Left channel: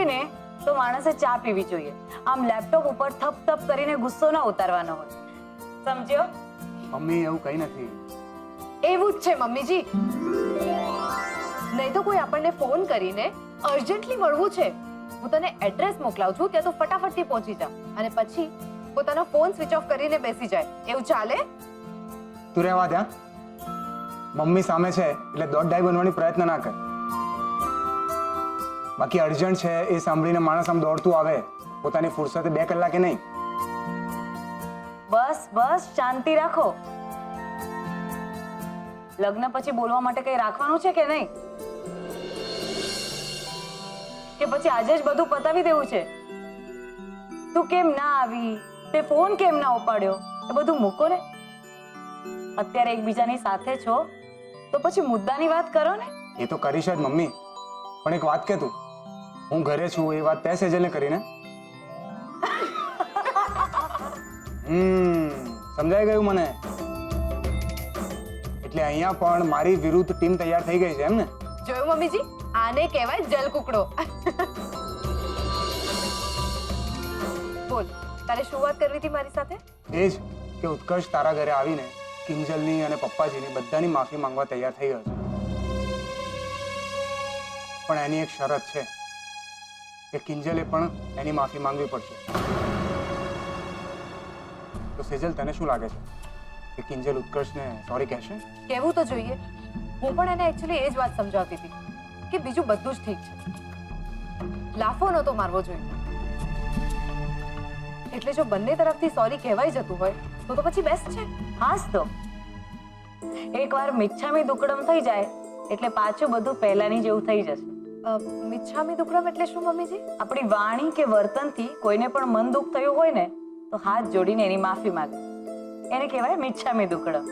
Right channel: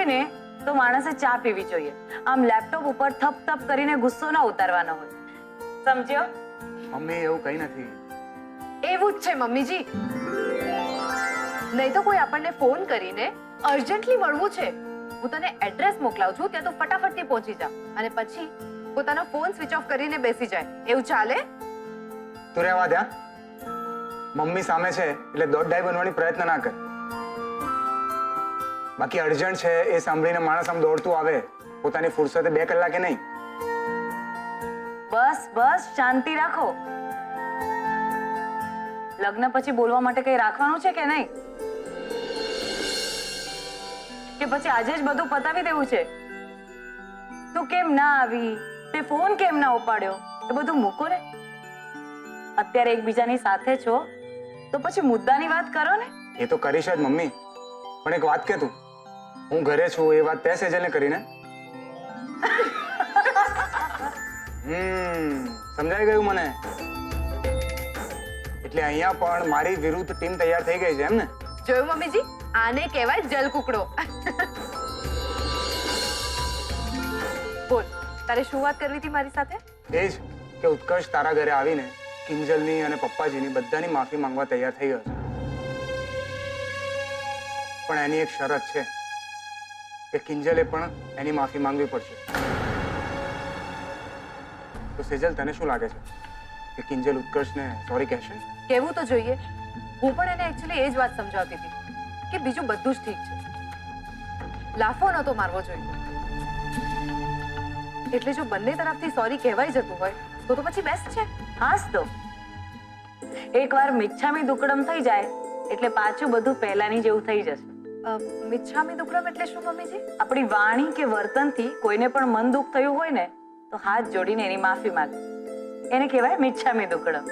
હોય ને તો માણસે ચા પીવી જોઈએ. આમ લેપટોપ ઉપર થપ થપ કરીને ગુસ્સો ના ઉતારવાનો હોય. સમજ્યો? મમ્મી એવું કઈ નથી. એવું જ છે મમ્મીજી. નહીં તો કોઈ આપણને ફોન કરીને અર્જન્ટલી મળવું છે, હું તને એડ્રેસ મોકલાવું છું, ત્યાં તો ફટાફટથી પહોંચી જા અને પછી પોતાનો ફોન સ્વિચ ઓફ કરીને બેસી જાય. એવું ચાલે? તું રહેવા દે. મમ્મી સામે છે એટલે દોડડાઈ બનવાની પ્રયત્ન ના કર. બાકી અર્જન્ટ છે એ સાંભળીને માણસ આમ દોડતું આવે પોતાની ફુરસતે 2 કલાકે નહીં. બસ બસ શાંતિ રાખો. લગ્ન પછી બોલવા માટે કઈ રાખવાનું છે કે નહીં? કે પછી આજે જ બધું પતાવી દેવું છે? તું કેમ ના આવી, તે ફોન કેમ ના ઉપાડ્યો, એ બધું મૂકો ને. અત્યારે એકબીજાની સાથે છો તો પછી મુદ્દાની વાત કરો ને. એ તો કરીશ જ મમ્મી, પણ એક વાત કે તું, હું ઘરે છું એ વાત તે સેજલને કરીને. સમજાઈ ગયું મને. એટલે અહીંયા પણ મારી વિરુદ્ધ ટીમ તૈયાર થઈ ગઈ છે એમ ને? જોયું મમ્મીજી, આને કહેવાય જલકુકડો. બોલ, તારે શું વાત કરવી હતી મારી સાથે? એ જ કે ઉત્કર્ષ તારા ઘરે આવીને કિંજલની અને પપ્પાજીની બધાની માફી માંગવા તૈયાર થઈ ગયો છે. પણ એની એક શરત છે કે કિંજલે પણ એની માફી માંગવી પડશે. તો સેજલ, તને શું લાગે છે કે કિંજલ ઉત્કર્ષને સોરી કહેશે? કહેવું તો જોઈએ. હું પણ એને એકચ્યુઅલી એ જ વાત સમજાવતી હતી કે બીજું બધું જ ઠીક છે, લાફો નહોતો મારવો જોઈએ. એટલે જો બંને તરફથી સોરી કહેવાય જતું હોય તો પછી બેસ્ટ છે. હાસ તો એકવાર મિચ્છામી દુક્કડમ થઈ જાય એટલે પાછું બધું પહેલાની જેવું થઈ જશે. મિચ્છામી દુક્કડમ એટલે શું મમ્મીજી? આપણી વાણી કે વર્તનથી કોઈને પણ મન દુઃખ થયું હોય ને તો હાથ જોડીને એની માફી માંગે. એને કહેવાય મિચ્છામી દુક્કડમ.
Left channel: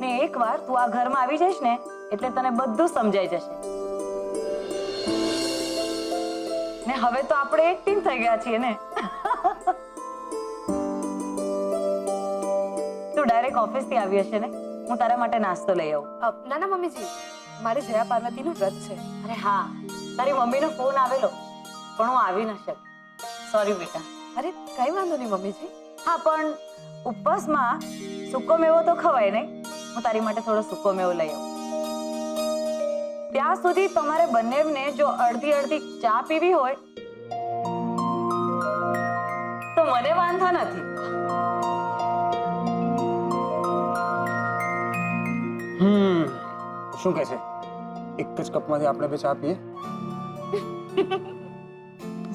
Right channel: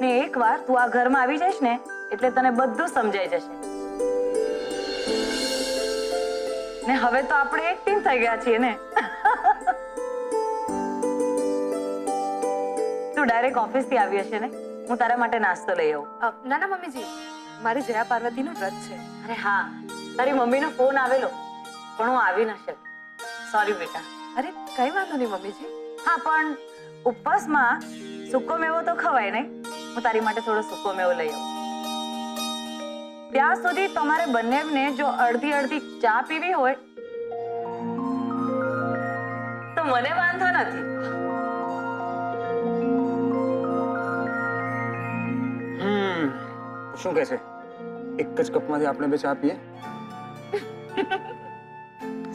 ને એકવાર તું આ ઘરમાં આવી જઈશ ને એટલે તને બધું સમજાઈ જશે. ને હવે તો આપણે એક ટીમ થઈ ગયા છીએ ને. તું ડાયરેક્ટ ઓફિસથી આવી હશે ને? હું તારા માટે નાસ્તો લઈ આવું. ના ના મમ્મીજી, મારે જયા પાર્વતીનું વ્રત છે. અરે હા, તારી મમ્મીનો ફોન આવેલો પણ હું આવી ન શકી. સોરી બેટા. અરે કઈ વાંધો નહીં મમ્મીજી. હા, પણ ઉપવાસમાં સૂકો મેવો તો ખવાય નહીં. હું તારી માટે થોડો સૂકો મેવો લઈ આવું. ત્યાં સુધી તમારે બંનેને જો અડધી અડધી ચા પીવી હોય તો મને વાંધો નથી. શું કહે છે? એક જ કપમાંથી આપણે બે ચા પીએ?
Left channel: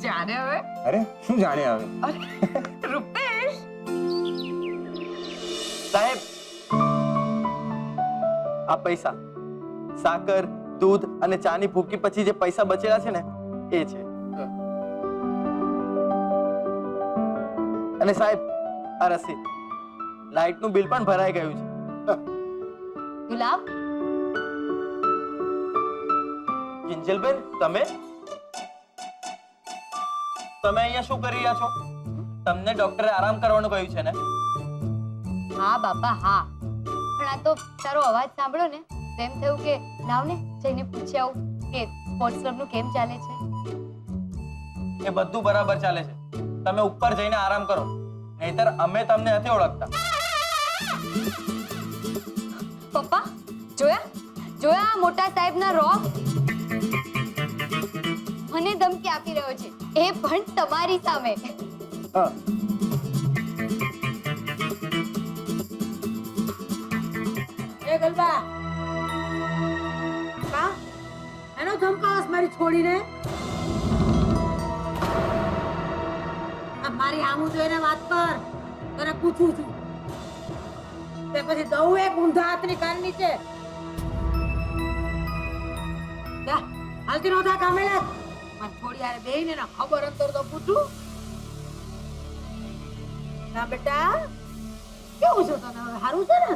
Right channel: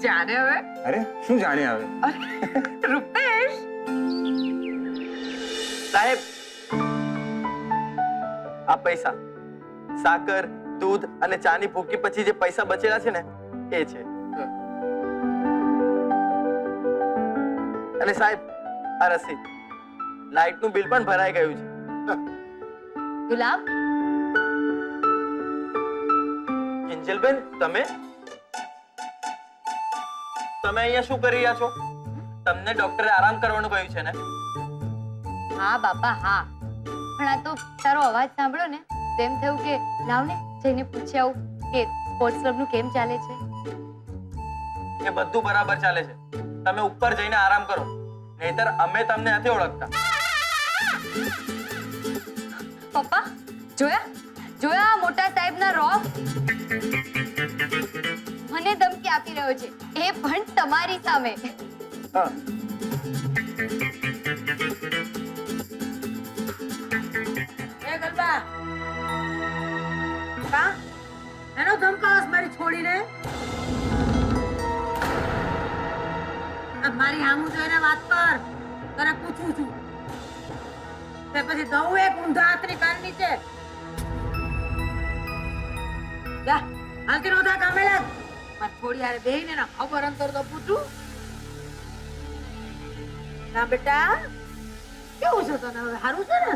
જાણે હવે. અરે શું જાણે હવે? રૂપેશ સાહેબ, આ પૈસા, સાકર, દૂધ અને ચાની ભૂકી પછી જે પૈસા બચેલા છે ને એ છે. અને સાહેબ, આ રસીદ, લાઇટનું બિલ પણ ભરાઈ ગયું છે. ગુલાબ, કિંજલબેન, તમે અહીંયા શું કરી રહ્યા છો? તમને ડોક્ટરે આરામ કરવાનું કહ્યું છે ને? હા બાપા હા, પણ આ તો તારો અવાજ સાંભળ્યો ને તેમ થયું કે લાવ ને જઈને પૂછી આવું કે સ્પોર્ટ્સ ક્લબનું કેમ ચાલે છે. એ બધું બરાબર ચાલે છે. તમે ઉપર જઈને આરામ કરો, નહીતર અમે તમને નથી ઓળખતા. પપ્પા જોયા જોયા મોટા સાહેબના રોબ મને ધમકી આપી રહ્યો છે, એ પણ તમારી સામે. એ ગલબા કા એનો ધમકાવસ મારી છોડીને? આ મારી હામું જોઈને વાત કર, તને પૂછું છું. તે પછી દઉં એક ઊંધા હાથની કાન નીચે. જા હાલતી નોધા કામે લાગ. મારી છોડી હારે બેહીને ના ખબર અંતર તો પૂછું. ના બેટા, કેવું છે તને હવે? સારું છે ને?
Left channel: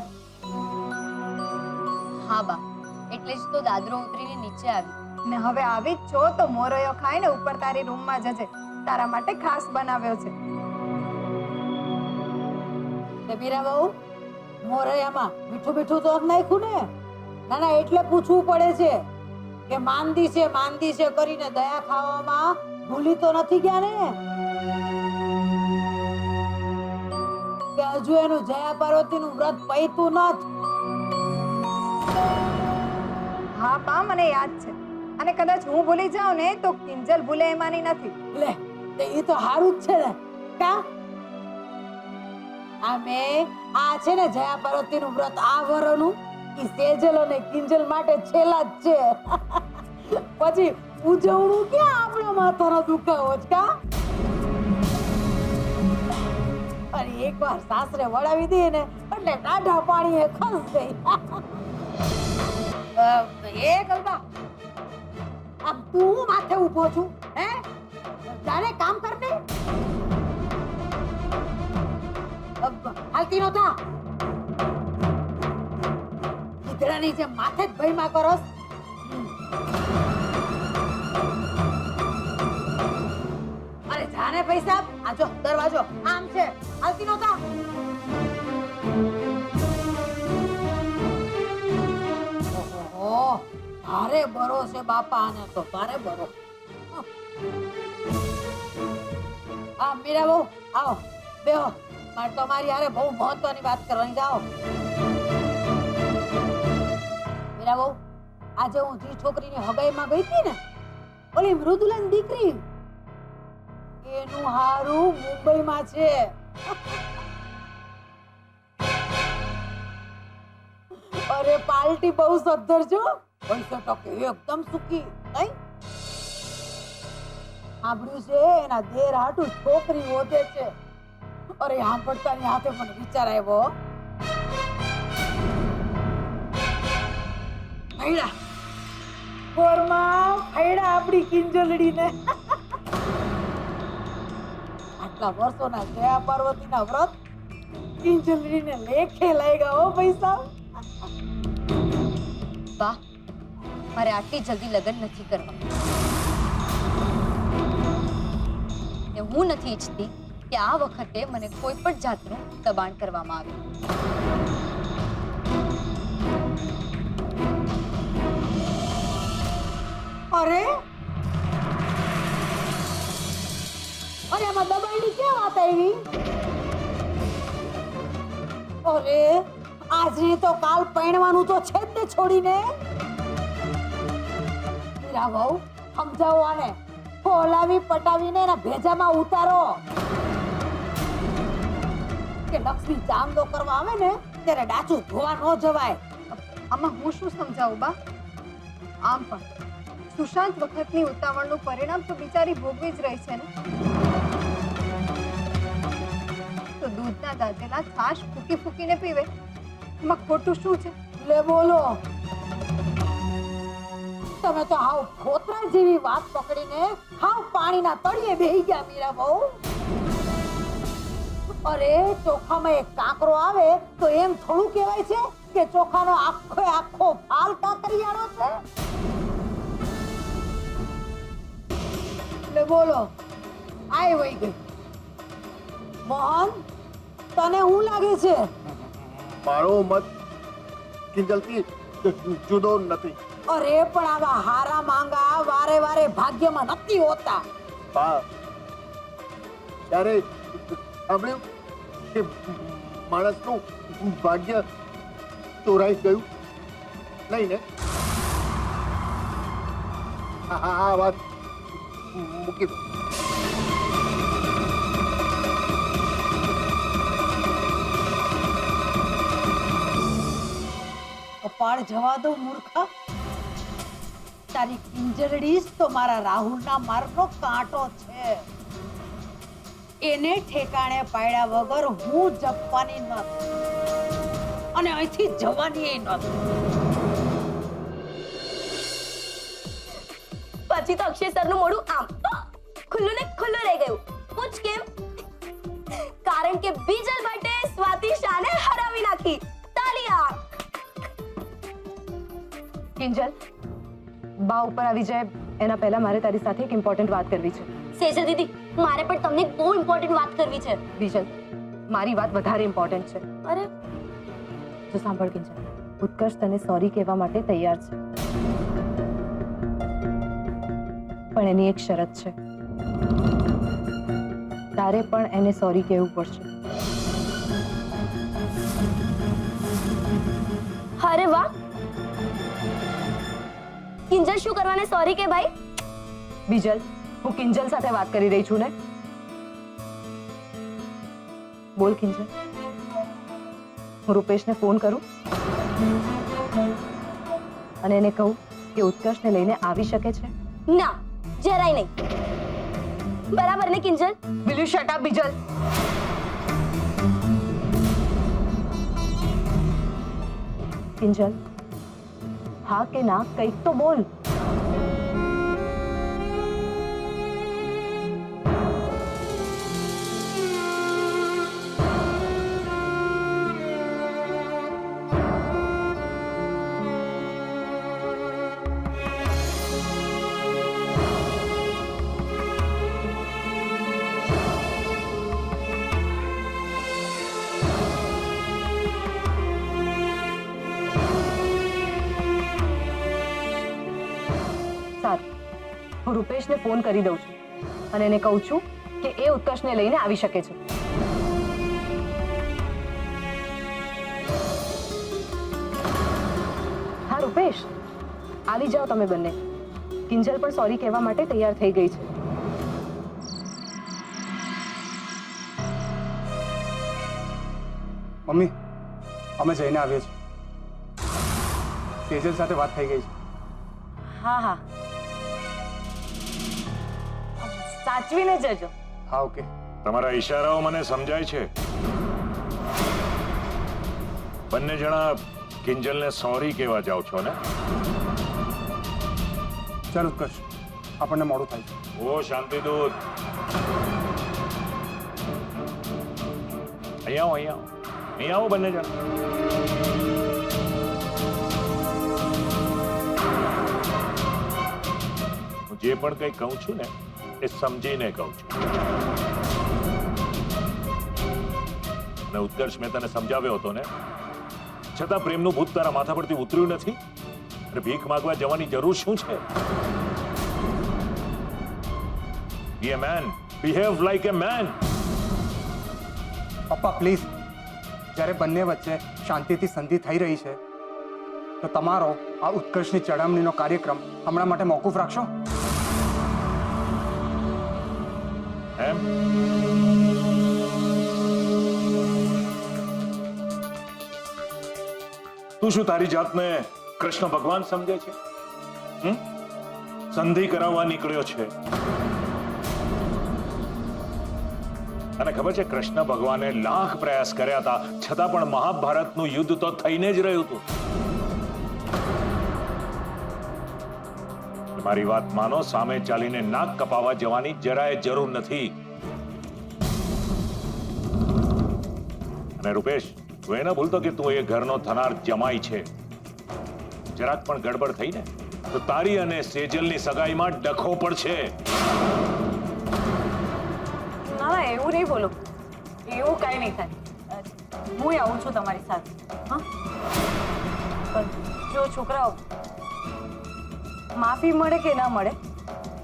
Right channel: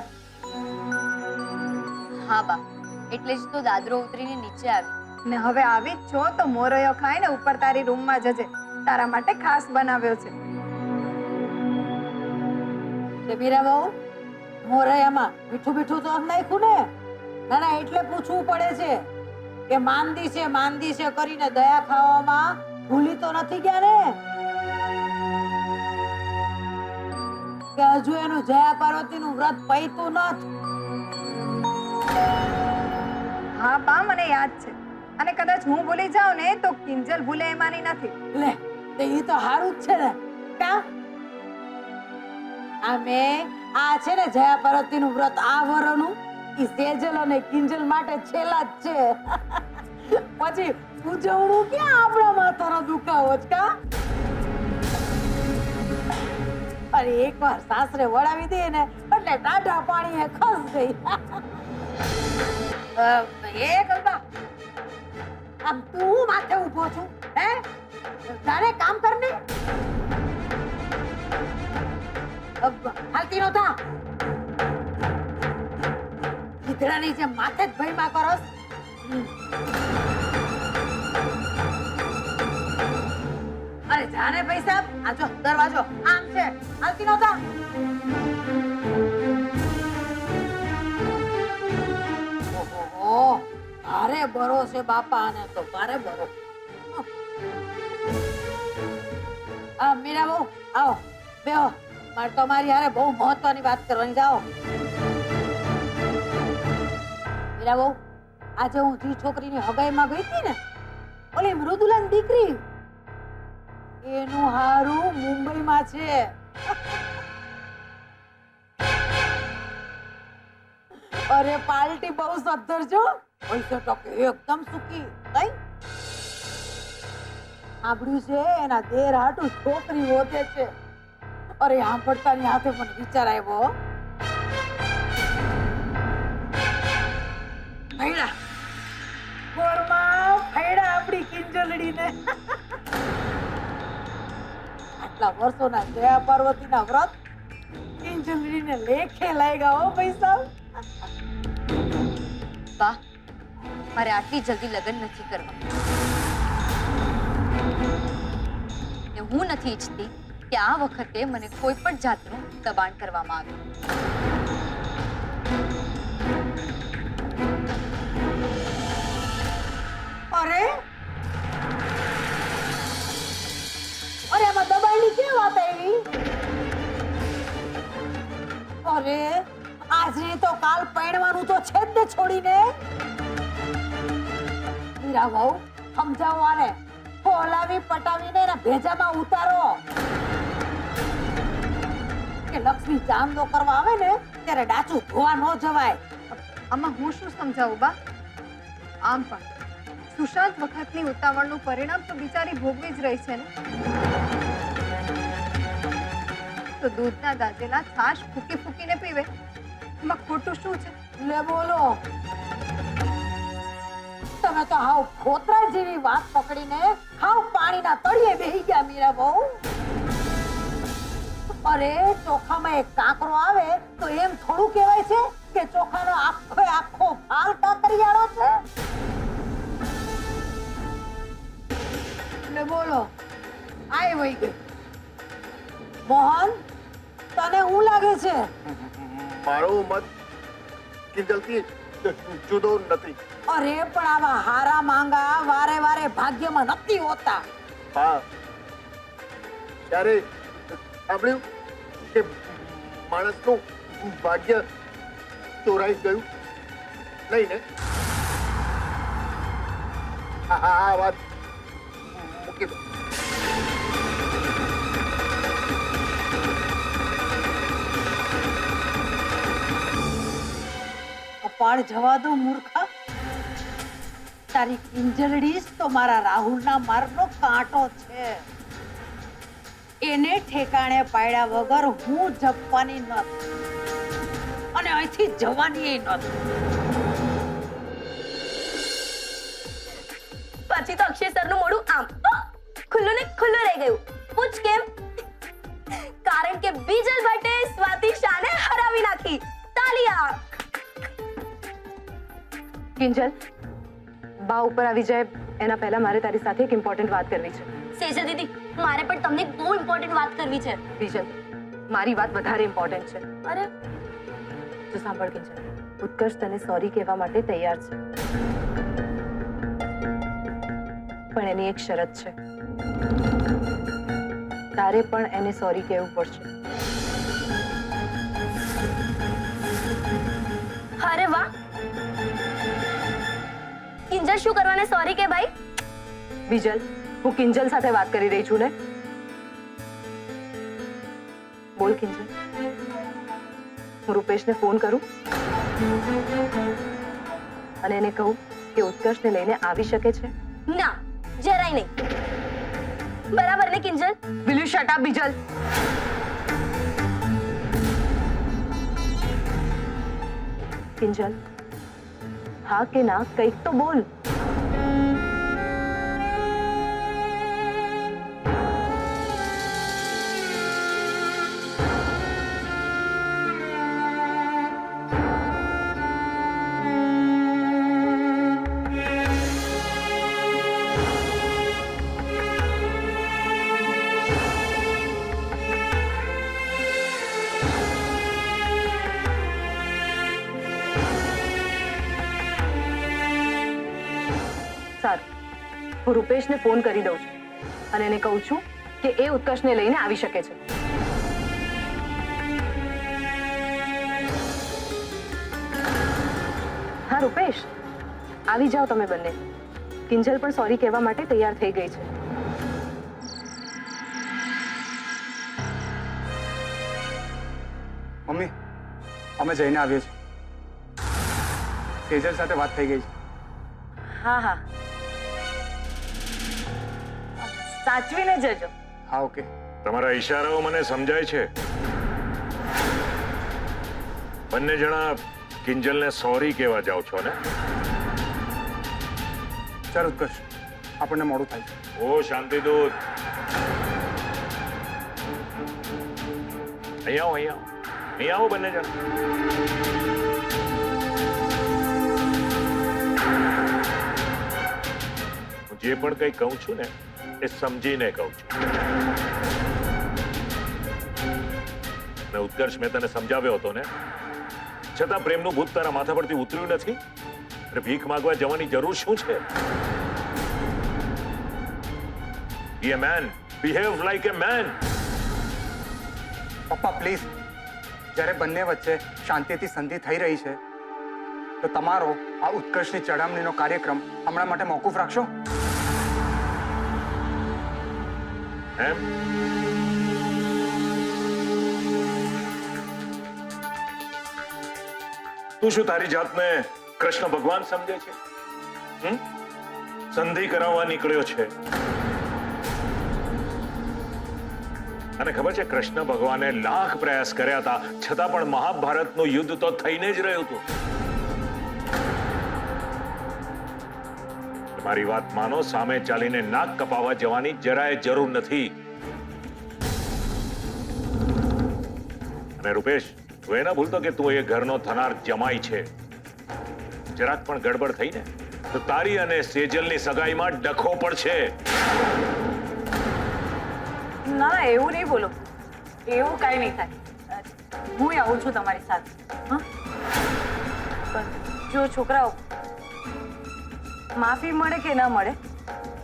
હા બા, એટલે જ તો દાદરો ઉતરીને નીચે આવી. ને હવે આવી જ છો તો મોરયો ખાઈને ઉપર તારી રૂમમાં જજે, તારા માટે ખાસ બનાવ્યો છે. તે મીરા બહુ મોરૈયામાં મીઠું મીઠું તો નાખ્યું ને? ના ના, એટલે પૂછવું પડે છે. કે માંદી છે કરીને દયા ખાવામાં ભૂલી તો નથી ગયા ને? કે હજુ એનું જયા પાર્વતીનું વ્રત પૈતું નથી? હા બા, મને યાદ છે. અને કદાચ હું ભૂલી જાઉં ને તો કિંજલ ભૂલે એમાંની નથી. લે તે ઈ તો હારું જ છે ને કા? આ છે ને જયા પાર્વતીનું વ્રત આ વરનું ઈ સેજલ અને કિંજલ માટે છેલ્લા જ છે. પછી ઉજવણું ક્યાં આપણા માથાનો દુખાવો જ કા? અરે એકવાર સાસરે વળાવી દઈએ ને એટલે ટાઢા પાણીએ ખસ ગઈ. એ ગલબા, આમ તું માથે ઊભો છું હે? તારે કામ કર ને. હાલતી નો થા. ગીધડાની જેમ માથે જ ભયમાં કરસ. અરે જાને પૈસા આ જો દરવાજો આમ છે. હાલતી નો થા. ઓહો, ભારે બરો છે બાપા આને તો, ભારે બરો. આ મીરા બહુ આવો બેહો. મારે તમારી હારે બહુ મહત્વની વાત કરવાની. જાઓ મીરા બહુ, આજે હું જે છોકરીની હગાઈમાં ગઈ હતી ને, ઓલી મૃદુલાની દીકરી, એનું હારું મુંબઈમાં છે. અરે પાર્ટી બહુ સદ્ધર છો. પૈસા ટકે એકદમ સુખી. કઈ સાંભળ્યું છે એના દેર હાટું છોકરી હોતે છે. અરે સાંભળતાની હાથે મને વિચાર આવ્યો. ફૈડા કોરમાં ફૈડા આપણી કિંજલડીને. આટલા વર્ષોના જયા પાર્વતીના વ્રત કિંજલડીને લેખે લાગ્યા હો પૈસા. બા, મારે આટલી જલ્દી લગ્ન નથી કરવા. ને હું નથી ઈચ્છતી કે આ વખતે મને કોઈ પણ જાતનું દબાણ કરવામાં આવે. અરે અરે આમાં દબાણની ક્યાં વાત આવી? અરે આજની તો કાલ પરણવાનું તો છે જ ને છોડીને. મીરા વહુ, સમજાવો આને. ફોલાવી પટાવીને એના ભેજામાં ઉતારો. કે લક્ષ્મી ચાંદલો કરવા આવે ને ત્યારે ડાચું ધોવા ન જવાય. આમાં હું શું સમજાવું બા? આમ પણ સુશાંત વખતની ઉતાવળનું પરિણામ તો બિચારી ભોગવી જ રહી છે ને. તો દૂધના દાજેલા છાશ ફૂકી ફૂકીને પીવે, એમાં ખોટું શું છે? લે બોલો, તમે તો હાવ ફોતરા જેવી વાત પકડીને હાવ પાણીના તળિયે બેહી ગયા મીરા બહુ. અરે ચોખામાં એક કાંકરો આવે તો એમ થોડું કહેવાય છે કે ચોખાનો આખો ફાલ કાંકરિયાળો છે? લે બોલો, આય વઈ ગઈ. મોહન, તને શું લાગે છે? મારો મત કિંજલથી જુદો નથી. અરે પણ આવા હારા માંગા વારે વારે ભાગ્યમાં નથી હોતા. બા, ત્યારે સાંભળ્યું કે માણસનું ભાગ્ય ચોરાઈ ગયું નહીં ને? આ વાત મૂકી દો. કપાળ જવા દો મૂર્ખા. તારી કિંજલડી તો મારા રાહુલના માર્ગનો કાંટો છે. એને ઠેકાણે પાડ્યા વગર હું જપવાની નથી અને અહીંથી જવાની નથી. પછી તો અક્ષય સરનું મોઢું આમ ખુલ્લું ને ખુલ્લું રહી ગયું. પૂછ કેમ? કારણ કે બીજલ ભટ્ટે સ્વાતિ શાને હરાવી નાખી. તાલિયા. કિંજલ, બા ઉપર આવી જાય એના પહેલા મારે તારી સાથે એક ઇમ્પોર્ટન્ટ વાત કરવી છે. સેજલ દીદી, મારે પણ તમને એક બહુ ઇમ્પોર્ટન્ટ વાત કરવી છે. બીજલ, મારી વાત વધારે ઇમ્પોર્ટન્ટ છે. અરે જો સાંભળ કિંજલ, ઉત્કર્ષ તને સોરી કહેવા માટે તૈયાર છે. પણ એની એક શરત છે. તારે પણ એને સોરી કહેવું પડશે. અરે વાહ, કિંજલ શું કરવાને સોરી કે ભાઈ? બીજલ, હું કિંજલ સાથે વાત કરી રહી છું ને. બોલ કિંજલ, હું રૂપેશને ફોન કરું અને એને કહું કે ઉત્કર્ષને લઈને આવી શકે છે? ના, જરાય નહીં. બરાબર ને Kinjal? Will you shut up Bijal? Kinjal, હા કે ના કંઈક તો બોલ. સારું, હું રૂપેશને ફોન કરી દઉં છું અને એને કહું છું કે એ ઉત્કર્ષને લઈને આવી શકે છે. હા રૂપેશ, આવી જાઓ તમે બંને. કિંજલ પણ સોરી કહેવા માટે તૈયાર થઈ ગઈ છે. મમ્મી, અમે જઈને આવીએ છીએ. સેજલ સાથે વાત થઈ ગઈ છે. હા હા, સાચવીને જજો. હા, ઓકે. તમારા ઈશારાઓ મને સમજાય છે. બંને જણા કિંજલને સોરી કહેવા જાઓ છો ને? ચાલ ઉત્કર્ષ, આપણને મોડું થાય છે. ઓ શાંતિદૂત, અહીંયા આવો, અહીંયા આવો, અહીંયા આવો બંને જણા. હું જે પણ કંઈ કહું છું ને એ સમજીને કહું છું. અને ઉત્કર્ષ, મેં તને સમજાવ્યો હતો ને, છતાં પ્રેમનું ભૂત તારા માથા પરથી ઉતર્યું નથી. અને ભીખ માંગવા જવાની જરૂર શું છે? Be a man. Behave like a man. પપ્પા પ્લીઝ, જ્યારે બંને વચ્ચે શાંતિથી સંધિ થઈ રહી છે તો તમારો આ ઉત્કર્ષની ચડામણીનો કાર્યક્રમ હમણાં માટે મોકૂફ રાખશો? એમ? તું શું તારી જાતને કૃષ્ણ ભગવાન સમજે છે? સંધિ કરાવવા નીકળ્યો છે. અને ખબર છે, કૃષ્ણ ભગવાને લાખ પ્રયાસ કર્યા હતા, છતાં પણ મહાભારતનું યુદ્ધ તો થઈને જ રહ્યું હતું. મારી વાત માનો, સામે ચાલીને નાક કપાવવા જવાની જરાય જરૂર નથી. અને રૂપેશ, તું એ ન ભૂલતો કે તું એ ઘરનો થનાર જમાઈ છે. જરાક પણ ગડબડ થઈ ને તો તારી અને સેજલની સગાઈમાં ડખો પડશે. ના ના, એવું નહીં બોલો. એવું કાંઈ નહીં થાય. હું આવું છું તમારી સાથે. હા, પણ જો છોકરાઓ, માફી મળે કે ન મળે,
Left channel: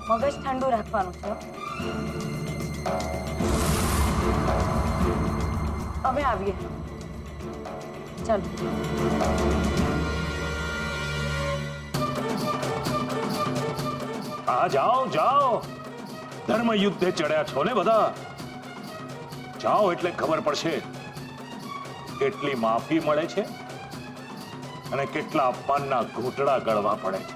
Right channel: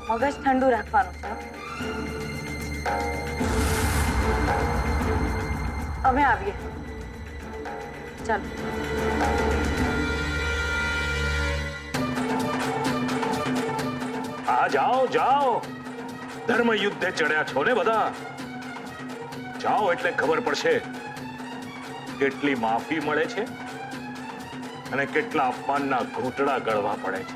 મગજ ઠંડુ રાખવાનું છે. અમે આવીએ. ચાલો. હા, જાઓ જાઓ, ધર્મ યુદ્ધે ચડ્યા છો ને બધા. જાઓ એટલે ખબર પડશે કેટલી માફી મળે છે અને કેટલા અપમાનના ઘૂંટડા ગળવા પડે છે.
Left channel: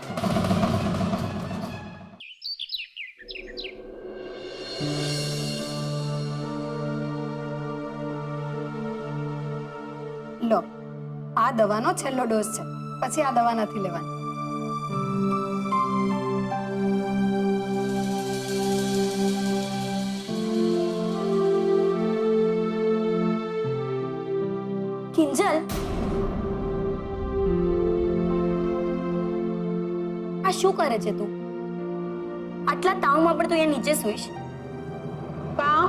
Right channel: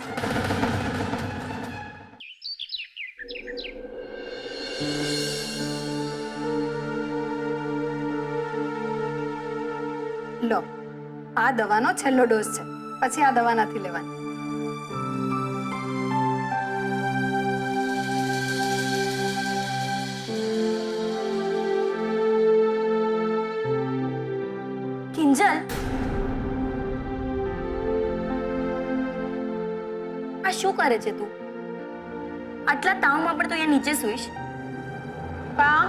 લો, આ દવાનો છેલ્લો ડોઝ છે, પછી આ દવા નથી લેવાની. કિંજલ, આ શું કરે છે તું? આટલા તાવમાં પણ તું અહીંયા નીચે સૂઈશ? પા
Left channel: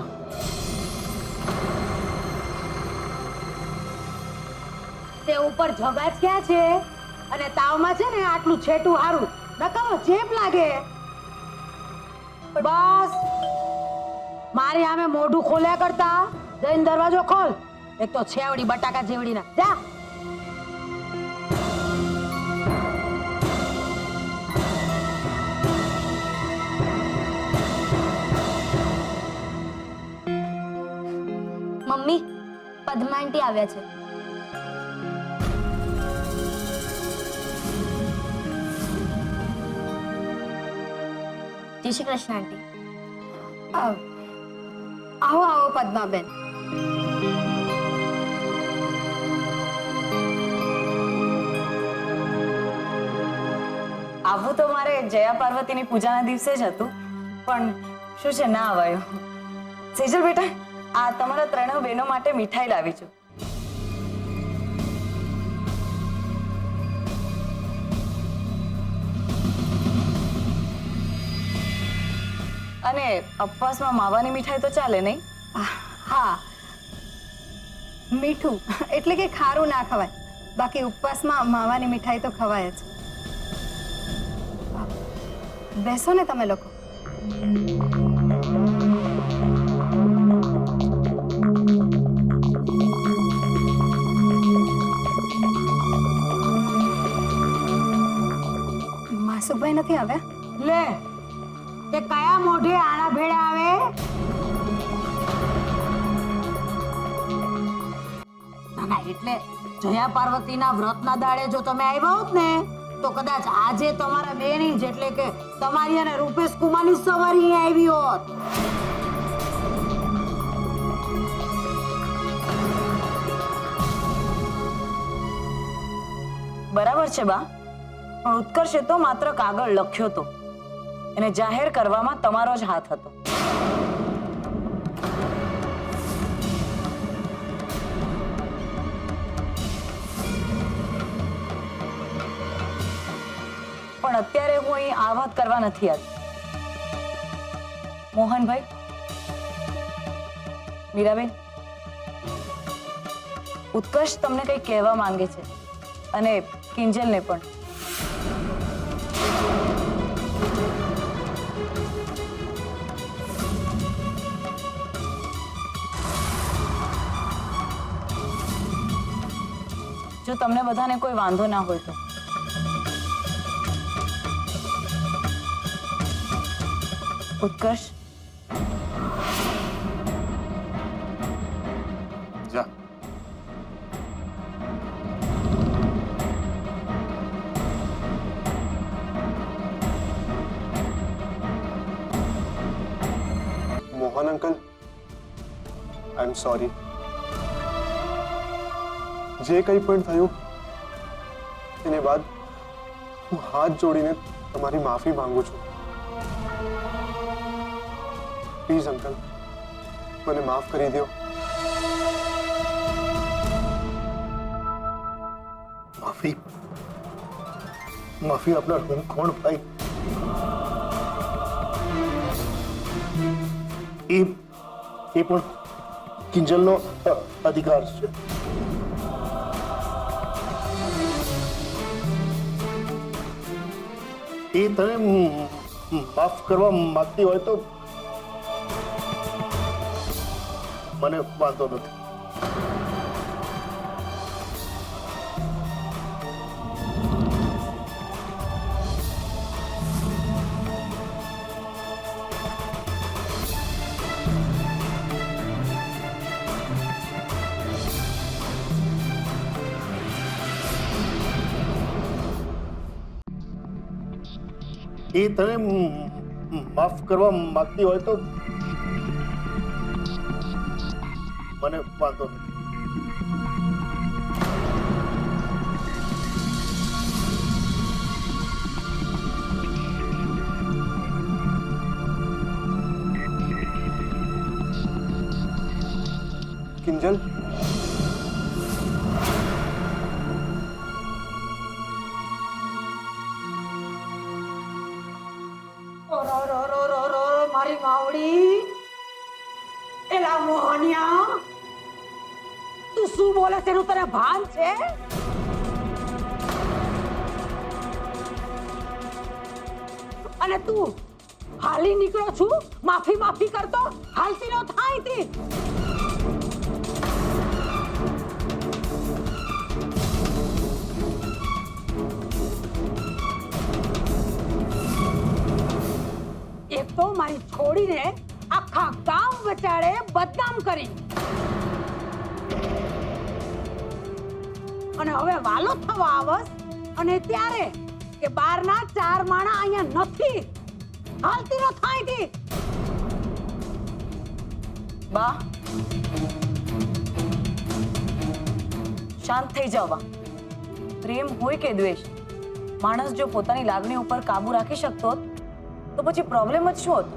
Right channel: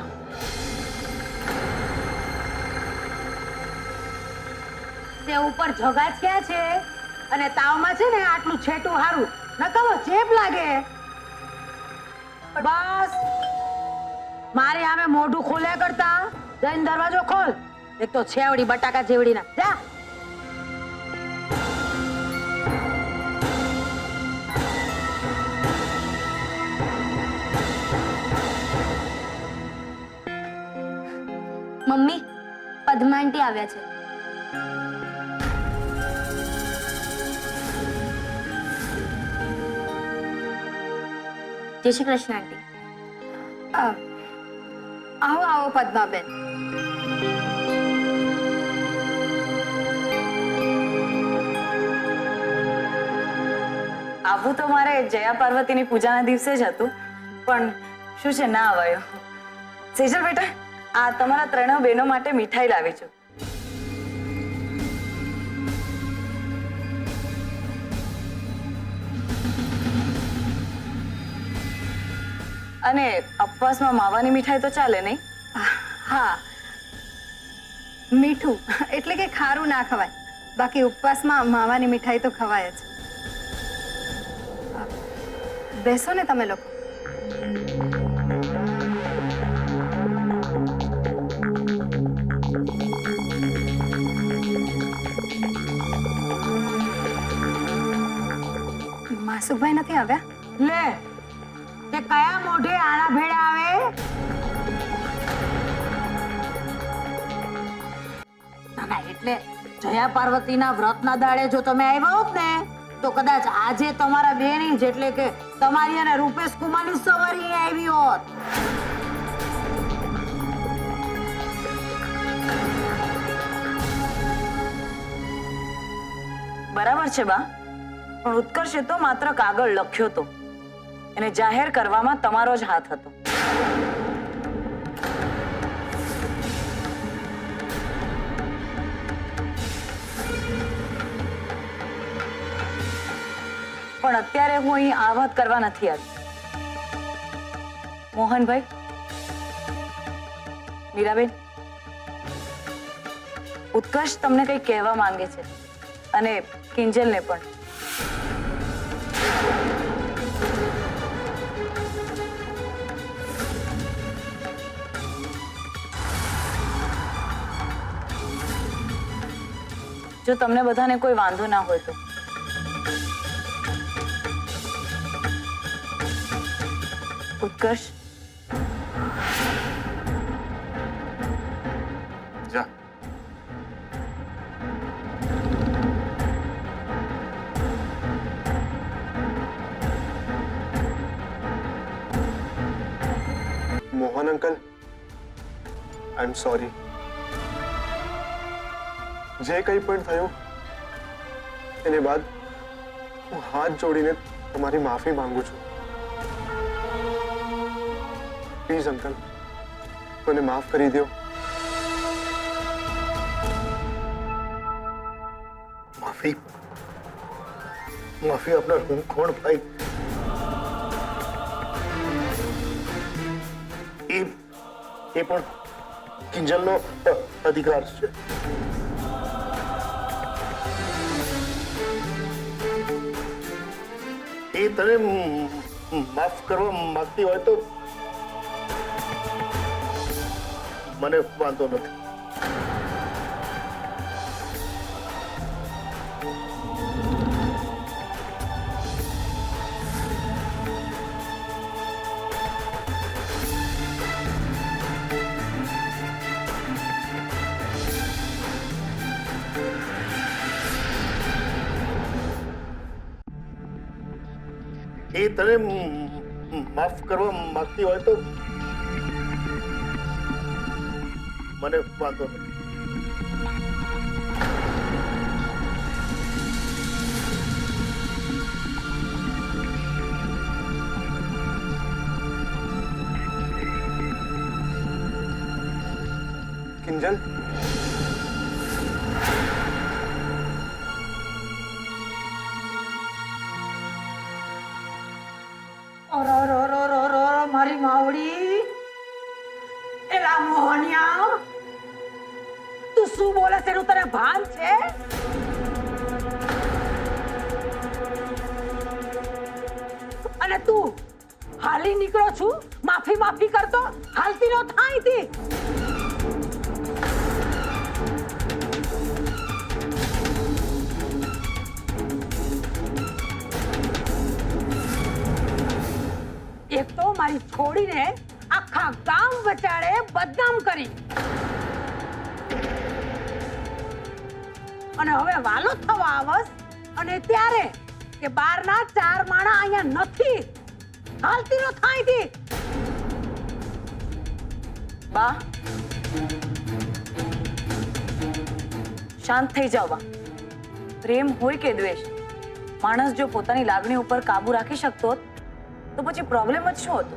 તે ઉપર જગા જ ક્યાં છે? અને તાવમાં છે ને આટલું છેટું હારું નકામો ચેપ લાગે. બસ મારી સામે મોઢું ખોલ્યા કરતા જઈને દરવાજો ખોલ. એક તો છેવડી બટાકા જેવડી ના જા. મમ્મી પદ્માંટી આવ્યા છે. જય શ્રી કૃષ્ણ આંટી. આવો આવો પદ્માબેન. આવું તો મારે જયા પાર્વતીની પૂજાના દિવસે જ હતું, પણ શું છે ના અવાયું. સેજલ બેટા, આ તમારા ત્રણેય બહેનો માટે મીઠાઈ લાવી છું. અને ઉપવાસમાં માવાની મીઠાઈ તો ચાલે નહીં? હા, મીઠું એટલે કે ખારું ના ખવાય, બાકી ઉપવાસમાં માવાની મીઠાઈ તો ખવાય જ. બેસો ને તમે લોકો. માસુકભાઈ નથી આવ્યા? લે તે કયા મોઢે આણા ભેળા આવે? ના ના, એટલે જયા પાર્વતીના વ્રતના દાડે જો તમે આવ્યા હોત ને તો કદાચ આજે તમારા બેની જ એટલે કે તમારી અને રૂપેશ કુમારની સવારી આવી હોત. બરાબર છે બા, પણ ઉત્કર્ષે તો માત્ર કાગળ લખ્યો તો, એને જાહેર કરવામાં તમારો જ હાથ હતો. પણ અત્યારે હું અહીં આ વાત કરવા નથી આવી. મોહનભાઈ, મીરાબેન, ઉત્કર્ષ તમને કંઈ કહેવા માંગે છે, અને કિંજલને પણ. જો તમને બધાને કોઈ વાંધો ના હોય તો. ઉત્કર્ષ, જા. Mohan uncle, I am sorry. જે કંઈ પણ થયું એને બાદ હું હાથ જોડીને તમારી માફી માંગુ છું. પ્લીઝ અંકલ, મને માફ કરી દો. માફી માફી આપનાર હું કોણ ભાઈ? એ પણ કિંજલનો અધિકાર છે. એ તને માફ કરવા માંગતી હોય તો મને વાંધો નથી. એ તને માફ કરવા માંગતી હોય તો મને વાંધો નથી. કિંજલ, મારી માવડી, એલા મોહનિયા, તું શું બોલે છે એનું તને ભાન છે? અને તું હાલી નીકળો છું માફી માફી કરતો હાલતી નો થાય તી એક તો મારી છોડીને આખા ગામ વચાડે બદનામ કરી અને હવે વાલો થવા આવસ અને ત્યારે કે બારના 4 માણા અહીંયા નથી હાલતી નો થાય તી બા શાંત થઈ જાઓ બા. પ્રેમ હોય કે દ્વેષ, માણસ જો પોતાની લાગણી ઉપર કાબુ રાખી શકતો હોત તો પછી પ્રોબ્લેમ જ શું હતો?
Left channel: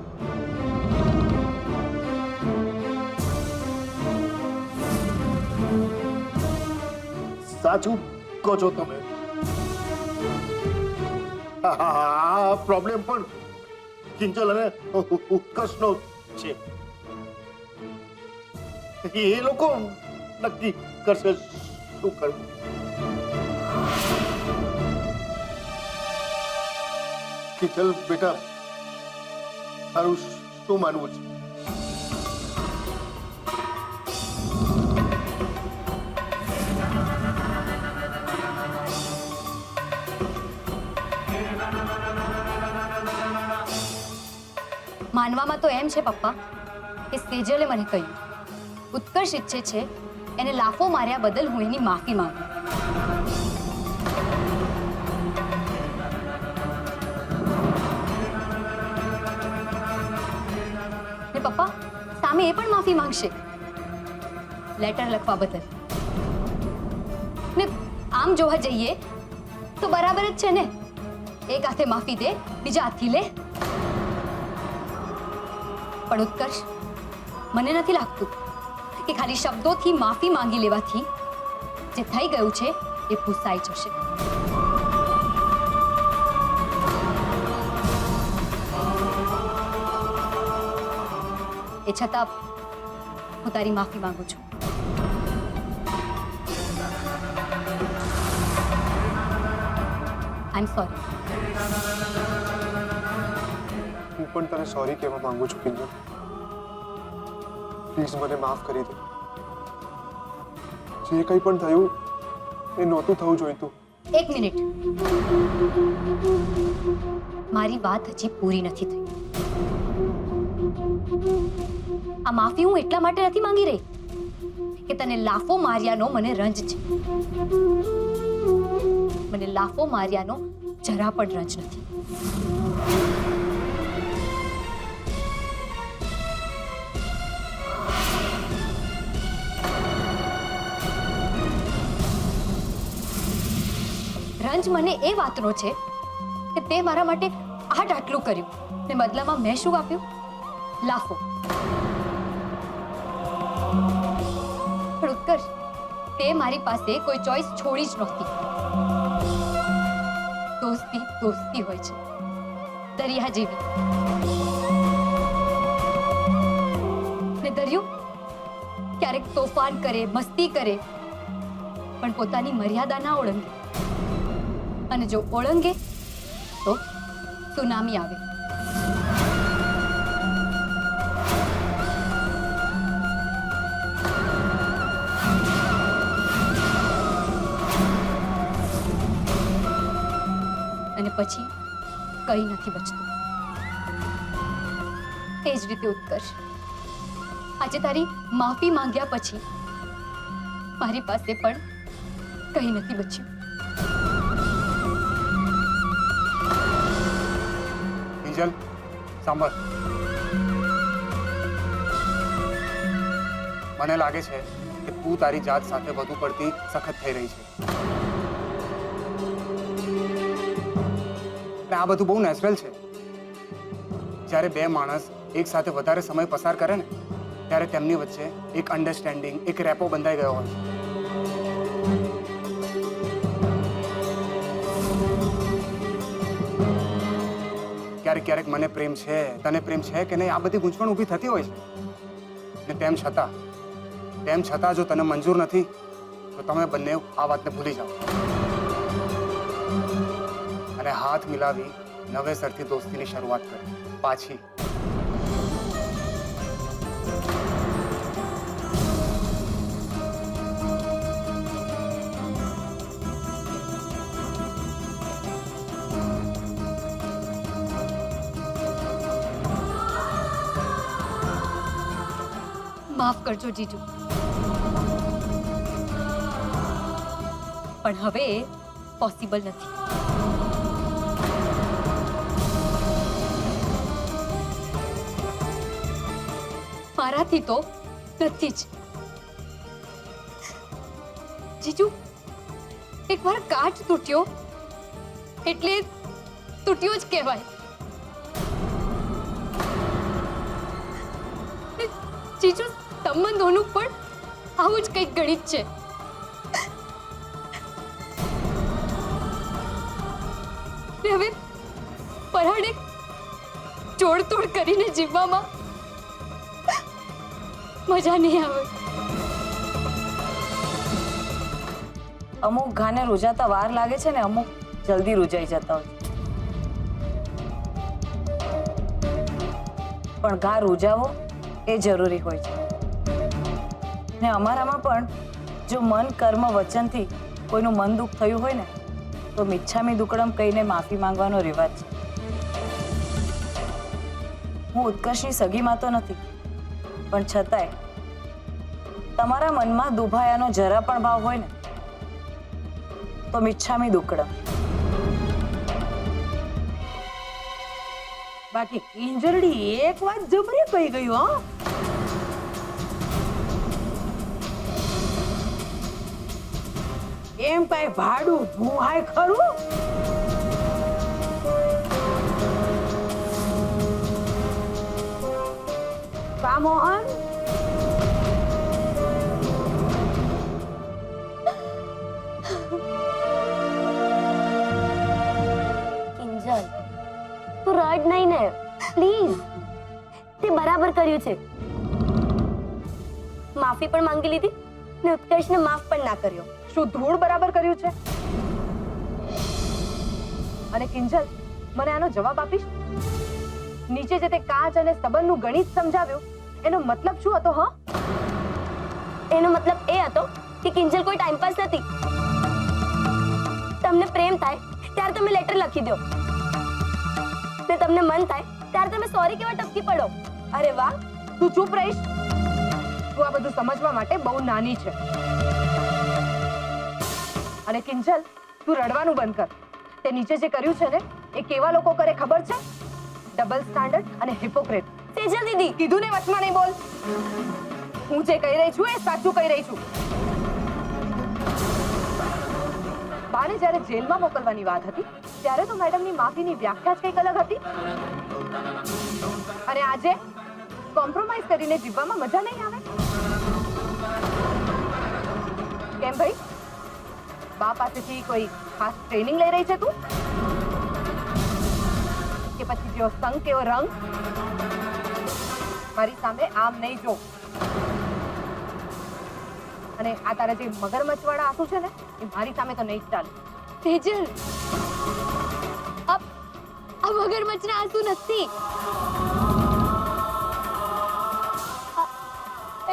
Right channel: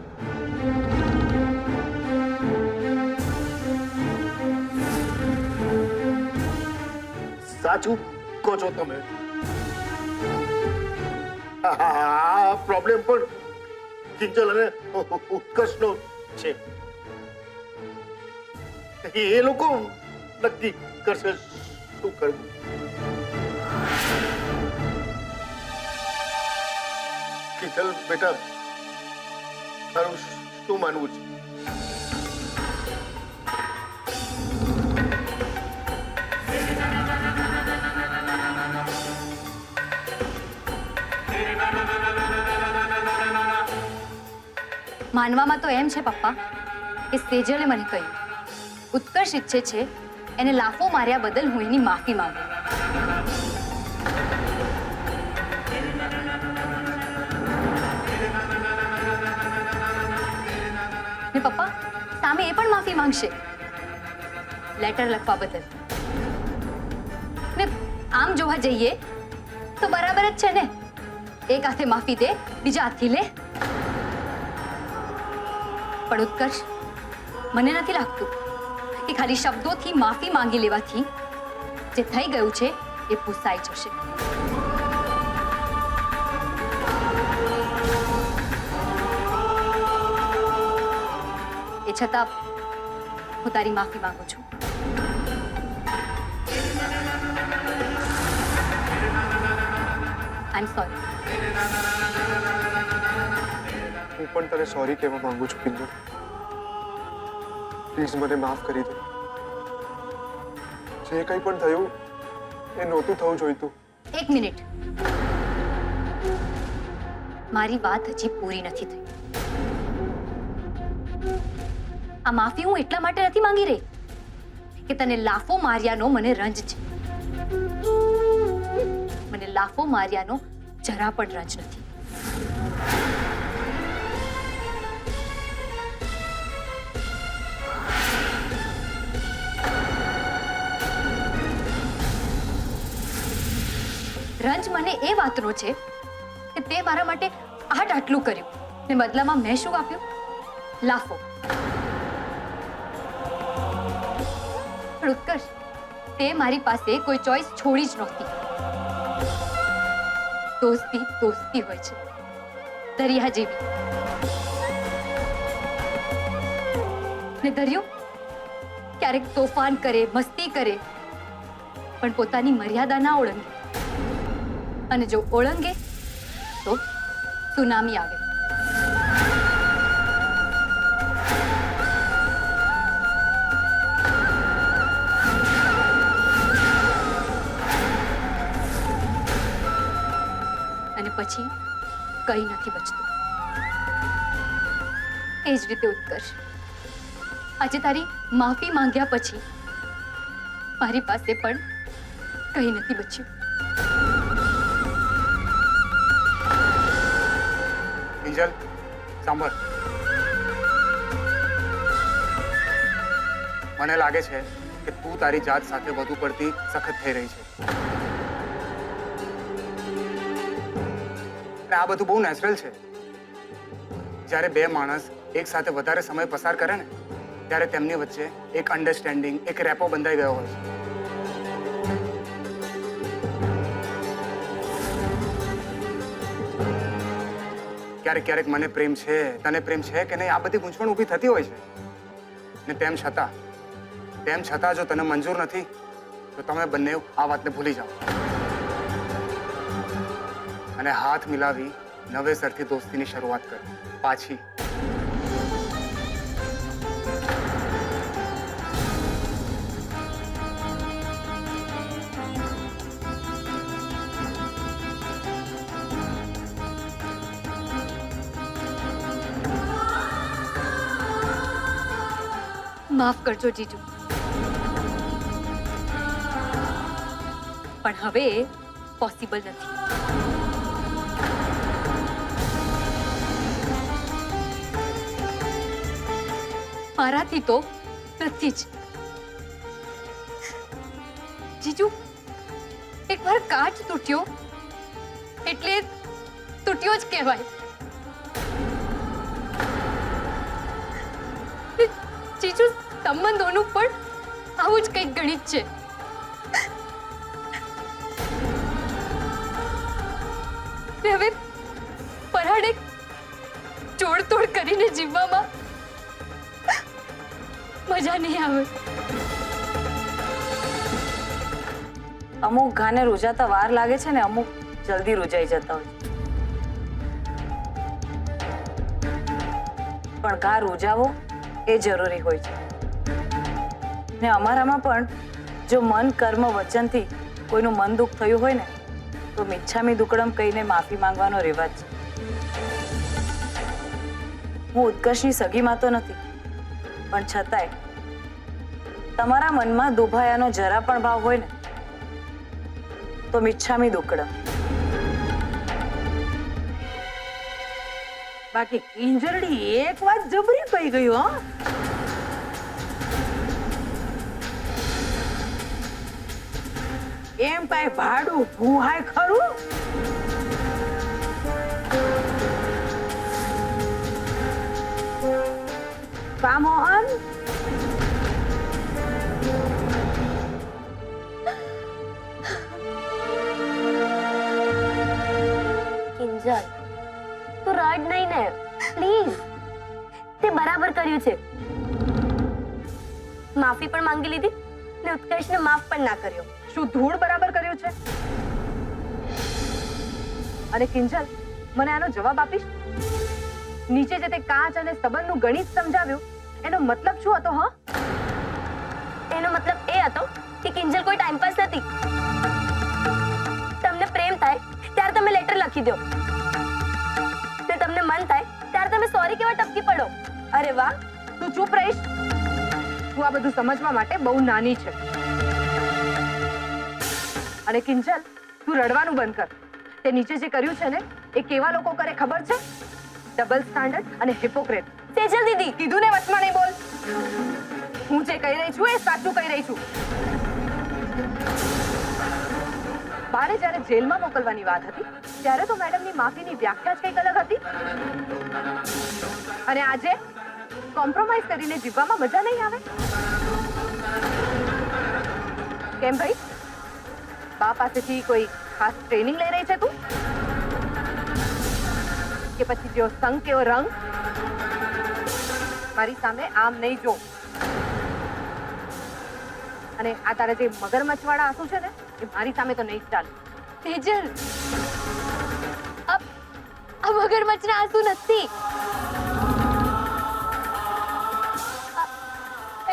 સાચું કહો છો તમે. આ પ્રોબ્લેમ પણ કિંજલ અને ઉત્કર્ષનો છે. એ લોકો નક્કી કરશે શું કરવું. કિંજલ બેટા, તારું શું માનવું છે? માનવામાં તો એમ છે પપ્પા કે સેજલે મને કહ્યું ઉત્કર્ષ ઈચ્છે છે એને લાફો માર્યા બદલ હું એની માફી માંગુ. ને પપ્પા સામે એ પણ માફી માંગશે લેટર લખવા બદલ. ને આમ જોવા જઈએ તો બરાબર જ છે ને, એક હાથે માફી દે બીજા હાથથી લે. પણ ઉત્કર્ષ, મને નથી લાગતું કે ખાલી શબ્દોથી માફી માંગી લેવાથી જે થઈ ગયું છે એ ભૂસાઈ જશે. એ છતાં હું તારી માફી માંગુ છું. આઈ એમ સોરી. હું પણ તને સોરી કહેવા માંગુ છું કિંજલ. પ્લીઝ મને માફ કરી દે. જે કંઈ પણ થયું એ નહોતું થવું જોઈતું. એક મિનિટ, મારી વાત હજી પૂરી નથી થઈ. આ માફી હું એટલા માટે નથી માંગી રહી કે તને લાફો માર્યાનો મને રંજ છે. મને લાફો માર્યાનો જરા પણ રંજ નથી. રંજ મને એ વાતનો છે કે તે મારા માટે આટલું કર્યું ને બદલામાં મેં શું આપ્યું? લાફો. પણ ઉત્કર્ષ, તે મારી પાસે કોઈ ચોઈસ છોડી જ નહોતી. દોસ્તી દોસ્તી હોય છે, દરિયા જેવી. ને દરિયો ક્યારેક તોફાન કરે, મસ્તી કરે, પણ પોતાની મર્યાદા ના ઓળંગે. અને જો ઓળંગે તો સુનામી આવે. અને પછી કંઈ નથી બચતું. એ જ રીતે ઉત્કર્ષ, આજે તારી માફી માંગ્યા પછી મારી પાસે પણ કંઈ નથી બચ્યું. કિંજલ, સાંભળ. મને લાગે છે કે તું તારી જાત સાથે વધુ પડતી સખત થઈ રહી છે. અને આ બધું બહુ નેચરલ છે. જ્યારે બે માણસ એક સાથે વધારે સમય પસાર કરે ને ત્યારે તેમની વચ્ચે એક અન્ડરસ્ટેન્ડિંગ, એક રેપો બંધાઈ ગયો હોય છે. ક્યારેક ક્યારેક મને પ્રેમ છે, તને પ્રેમ છે કે નહીં, આ બધી ગૂંચવણ ઊભી થતી હોય છે. ને તેમ છતાં જો તને મંજૂર નથી તો તમે બંને આ વાતને ભૂલી જાઓ અને હાથ મિલાવી નવેસરથી દોસ્તીની શરૂઆત કરો. પાછી. માફ કરજો જીજુ, પણ હવે પોસિબલ નથી. મારાથી તો નથી જ. જીજુ, એકવાર કાચ તૂટ્યો એટલે તૂટ્યો જ કહેવાય. જીજુ, સંબંધોનું પણ આવું જ કંઈક ગણિત છે. ને હવે પરાણે જોડતોડ કરીને જીવવામાં મજા નહીં આવે. અમુક ઘાને રૂજાતા વાર લાગે છે ને અમુક જલ્દી રૂજાઈ જતા હોય છે. પણ ઘા રૂજાવો એ જરૂરી હોય છે. ને અમારામાં પણ જો મન કર્મ વચનથી કોઈનું મન દુઃખ થયું હોય ને તો મિચ્છામી દુક્કડમ કહીને માફી માંગવાનો રિવાજ છે. હું ઉત્કર્ષની સગીમાં તો નથી, પણ છતાંય તમારા મનમાં દુભાયાનો જરા પણ ભાવ હોય ને તો મિચ્છામી દુક્કડમ. બાકી કિંજલડી એક વાત જબરી કહી ગયું. હા, એમ કઈ ભાડું ભૂહાય ખરું? કા મોહન? કિંજલ, તું રડ નહીં ને પ્લીઝ. તે બરાબર કર્યું છે. માફી પણ માંગી લીધી ને ઉત્કર્ષને માફ પણ ના કર્યો. શું ધૂળ બરાબર કર્યું છે? અને કિંજલ, મને આનો જવાબ આપીશ? નીચે જે તે કાચ અને સંબંધનું ગણિત સમજાવ્યું એનો મતલબ શું હતો? હા, એનો મતલબ એ હતો કે કિંજલ કોઈ ટાઈમ પાસ નથી. તમને પ્રેમ થાય ત્યારે તમે લેટર લખી દો ને તમને મન થાય ત્યારે તમે સોરી કેવા ટપકી પડો. અરે વાહ! તું ચૂપ રહીશ? તું આ બધું સમજવા માટે બહુ નાની છે. અને કિંજલ, તું રડવાનું બંધ કર. તે નીચે જે કર્યું છે ને એ કેવા લોકો કરે ખબર છે? ડબલ સ્ટાન્ડર્ડ અને હિપોક્રેટ. સેજલ દીદી, કીધું ને વચમાં નહીં બોલ. હું જે કહી રહી છું એ સાચું કહી રહી છું. બાને જ્યારે જેલમાં મોકલવાની વાત હતી ત્યારે તો મેડમની માફીની વ્યાખ્યા જ કંઈક અલગ હતી. અને આજે કોમ્પ્રોમાઇઝ કરીને જીવવામાં મજા નહીં આવે? કેમ ભાઈ, બા પાસેથી કોઈ ખાસ ટ્રેનિંગ લઈ રહી છે તું? કે પછી જેવો સંગ કેવો રંગ? મારી સામે આમ નહીં જો. અને આ તારા જે મગરમચ્છ વાળા આંસુ છે ને એ મારી સામે તો નહીં જ ચાલે. તેજલ, આ મગરમચ્છના આંસુ નથી.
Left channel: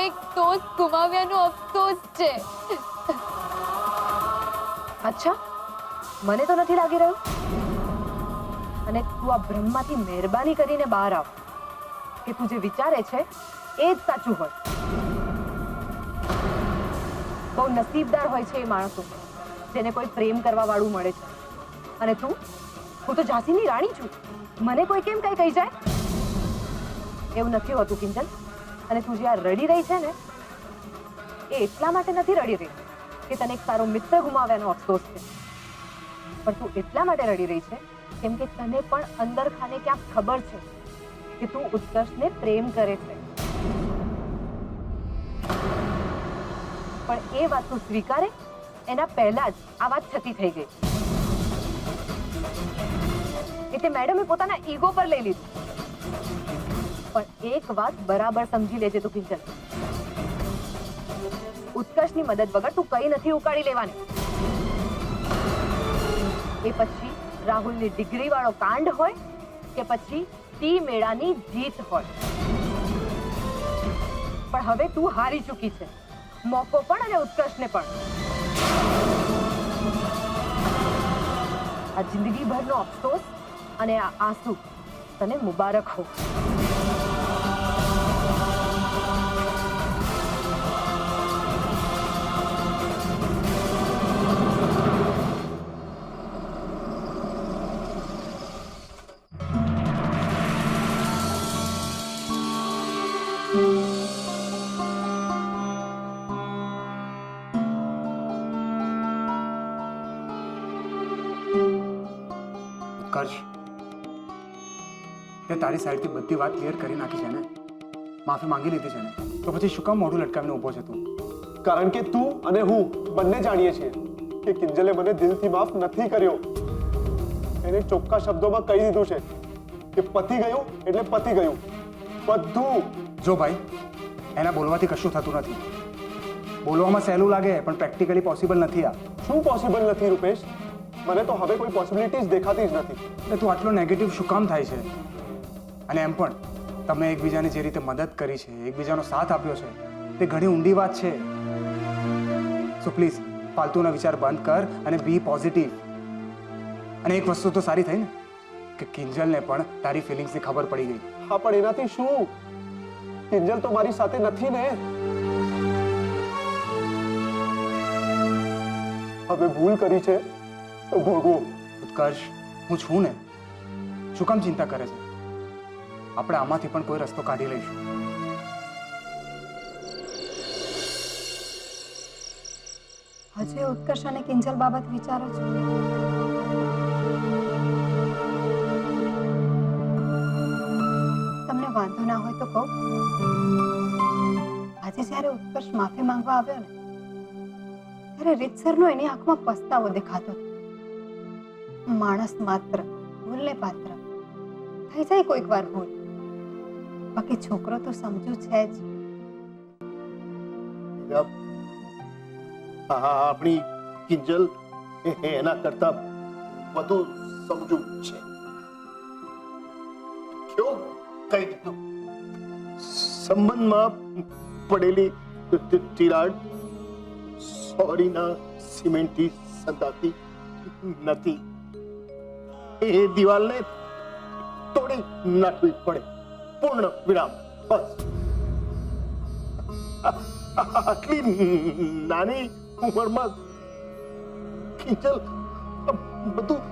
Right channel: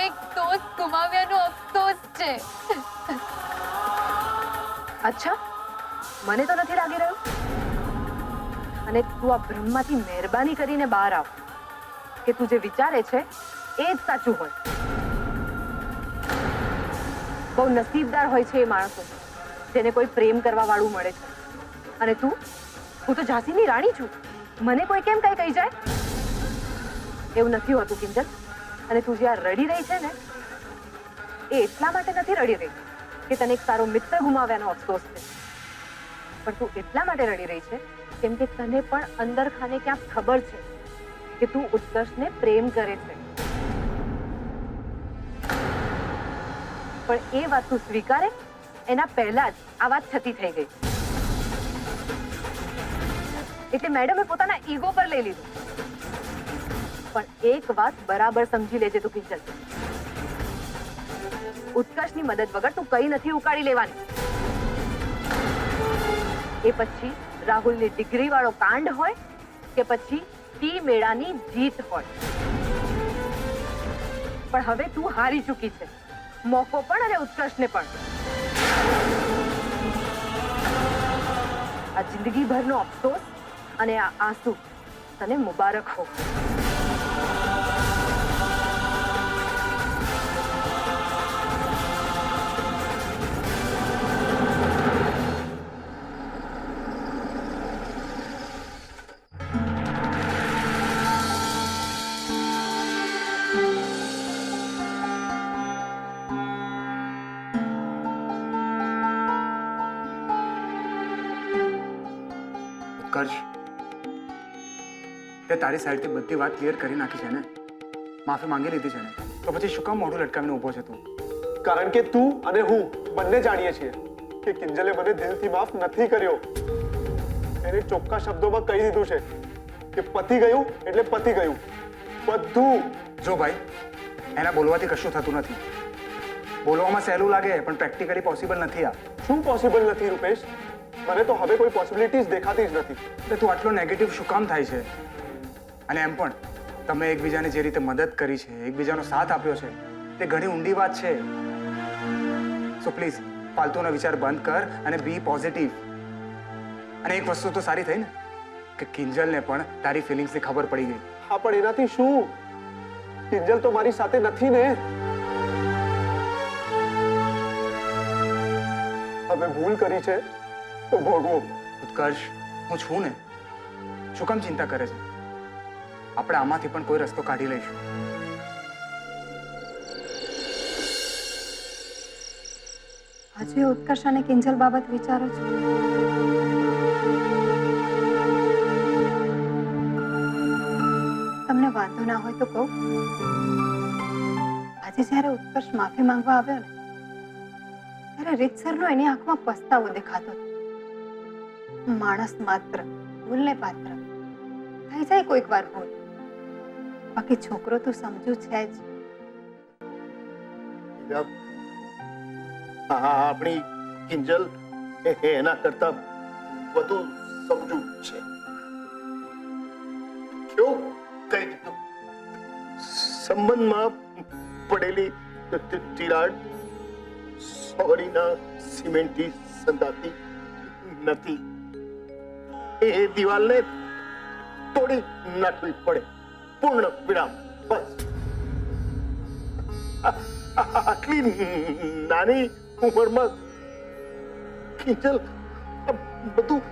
એક દોસ્ત ગુમાવ્યાનો અફસોસ છે. અચ્છા, મને તો નથી લાગી રહ્યું. અને તું આ ભ્રમમાંથી મહેરબાની કરીને બહાર આવ કે તું જે વિચારે છે એ જ સાચું હોય. બહુ નસીબદાર હોય છે એ માણસો જેને કોઈ પ્રેમ કરવા વાળું મળે છે. અને તું? હું તો ઝાંસીની રાણી છું. મને કોઈ કેમ કઈ કહી જાય? એવું નથી હોતું કિંજલ. અને તું જે આ રડી રહી છે ને એ એટલા માટે નથી રડી રહી કે તને એક સારો મિત્ર ગુમાવ્યાનો અફસોસ છે, પણ તું એટલા માટે રડી રહી છે કેમ કે તને પણ અંદર ખાને ક્યાંક ખબર છે કે તું ઉત્કર્ષને પ્રેમ કરે છે. પણ એ વાત તું સ્વીકારે એના પહેલા જ આ વાત છતી થઈ ગઈ. એટલે મેડમે પોતાના ઈગો પર લઈ લીધું. પણ એક વાત બરાબર સમજી લેજે તું કિંજલ, ઉત્કર્ષની મદદ વગર તું કઈ નથી ઉકાળી લેવાની. એ પછી રાહુલની ડિગ્રી વાળો કાંડ હોય કે પછી તી મેળાની જીત હોય. પણ હવે તું હારી ચૂકી છે, મોકો પણ અને ઉત્કર્ષને પણ. આ જિંદગીભરનો અફસોસ અને આ આંસુ તને મુબારક હો. ઉત્કર્ષ, તે તારી સાઈડથી બધી વાત ક્લિયર કરી નાખી છે ને? માફી માંગી લીધી છે ને? તો પછી શું કામ મોઢું લટકાવીને ઊભો છે તું? કારણ કે તું અને હું બંને જાણીએ છીએ કે કિંજલે મને દિલથી માફ નથી કર્યો. એને ચોખ્ખા શબ્દોમાં કહી દીધું છે કે પતી ગયું એટલે પતી ગયું બધું. જો ભાઈ, એના બોલવાથી કશું થતું નથી. બોલવામાં સહેલું લાગે પણ પ્રેક્ટિકલી પોસિબલ નથી. આ શું પોસિબલ નથી રૂપેશ? મને તો હવે કોઈ પોસિબિલિટીઝ દેખાતી જ નથી. એટલે તું આટલો નેગેટિવ શું કામ થાય છે? અને એમ પણ તમે એકબીજાને જે રીતે મદદ કરી છે, એકબીજાનો સાથ આપ્યો છે, તે ઘણી ઊંડી વાત છે. સો પ્લીઝ ફાલતુના વિચાર બંધ કર અને બી પોઝિટિવ. અને એક વસ્તુ તો સારી થઈ ને કે કિંજલને પણ તારી ફિલિંગ્સની ખબર પડી ગઈ. હા, પણ એનાથી શું? કિંજલ તો મારી સાથે નથી ને. હવે ભૂલ કરી છે તો ભોગવો. ઉત્કર્ષ, હું છું ને. શું કામ ચિંતા કરે છે? આપણે આમાંથી પણ કોઈ રસ્તો કાઢી લઈશું. હજુ એ ઉત્કર્ષ અને કિંજલ બાબત વિચારો છો? તમને વાંધો ના હોય તો કહું, આજે જ્યારે ઉત્કર્ષ માફી માંગવા આવ્યો ને ત્યારે રીતસરનો એની આંખમાં પસ્તાવો દેખાતો હતો. માણસ માત્ર ભૂલને પાત્ર થઈ જાય કોઈક વાર ભૂલ, બાકી છોકરો તો સમજુ છે જ. આપણી કિંજલ એના કરતા વધુ સમજુ છે. કેવું કહી દીધું? સંબંધમાં પડેલી તિરાડ સોરીના સિમેન્ટથી સંધાતી નથી. એ દિવાલને તોડી નાખવી પડે. પૂર્ણ વિરામ. બસ. આટલી નાની ઉંમરમાં કિંજલ બધું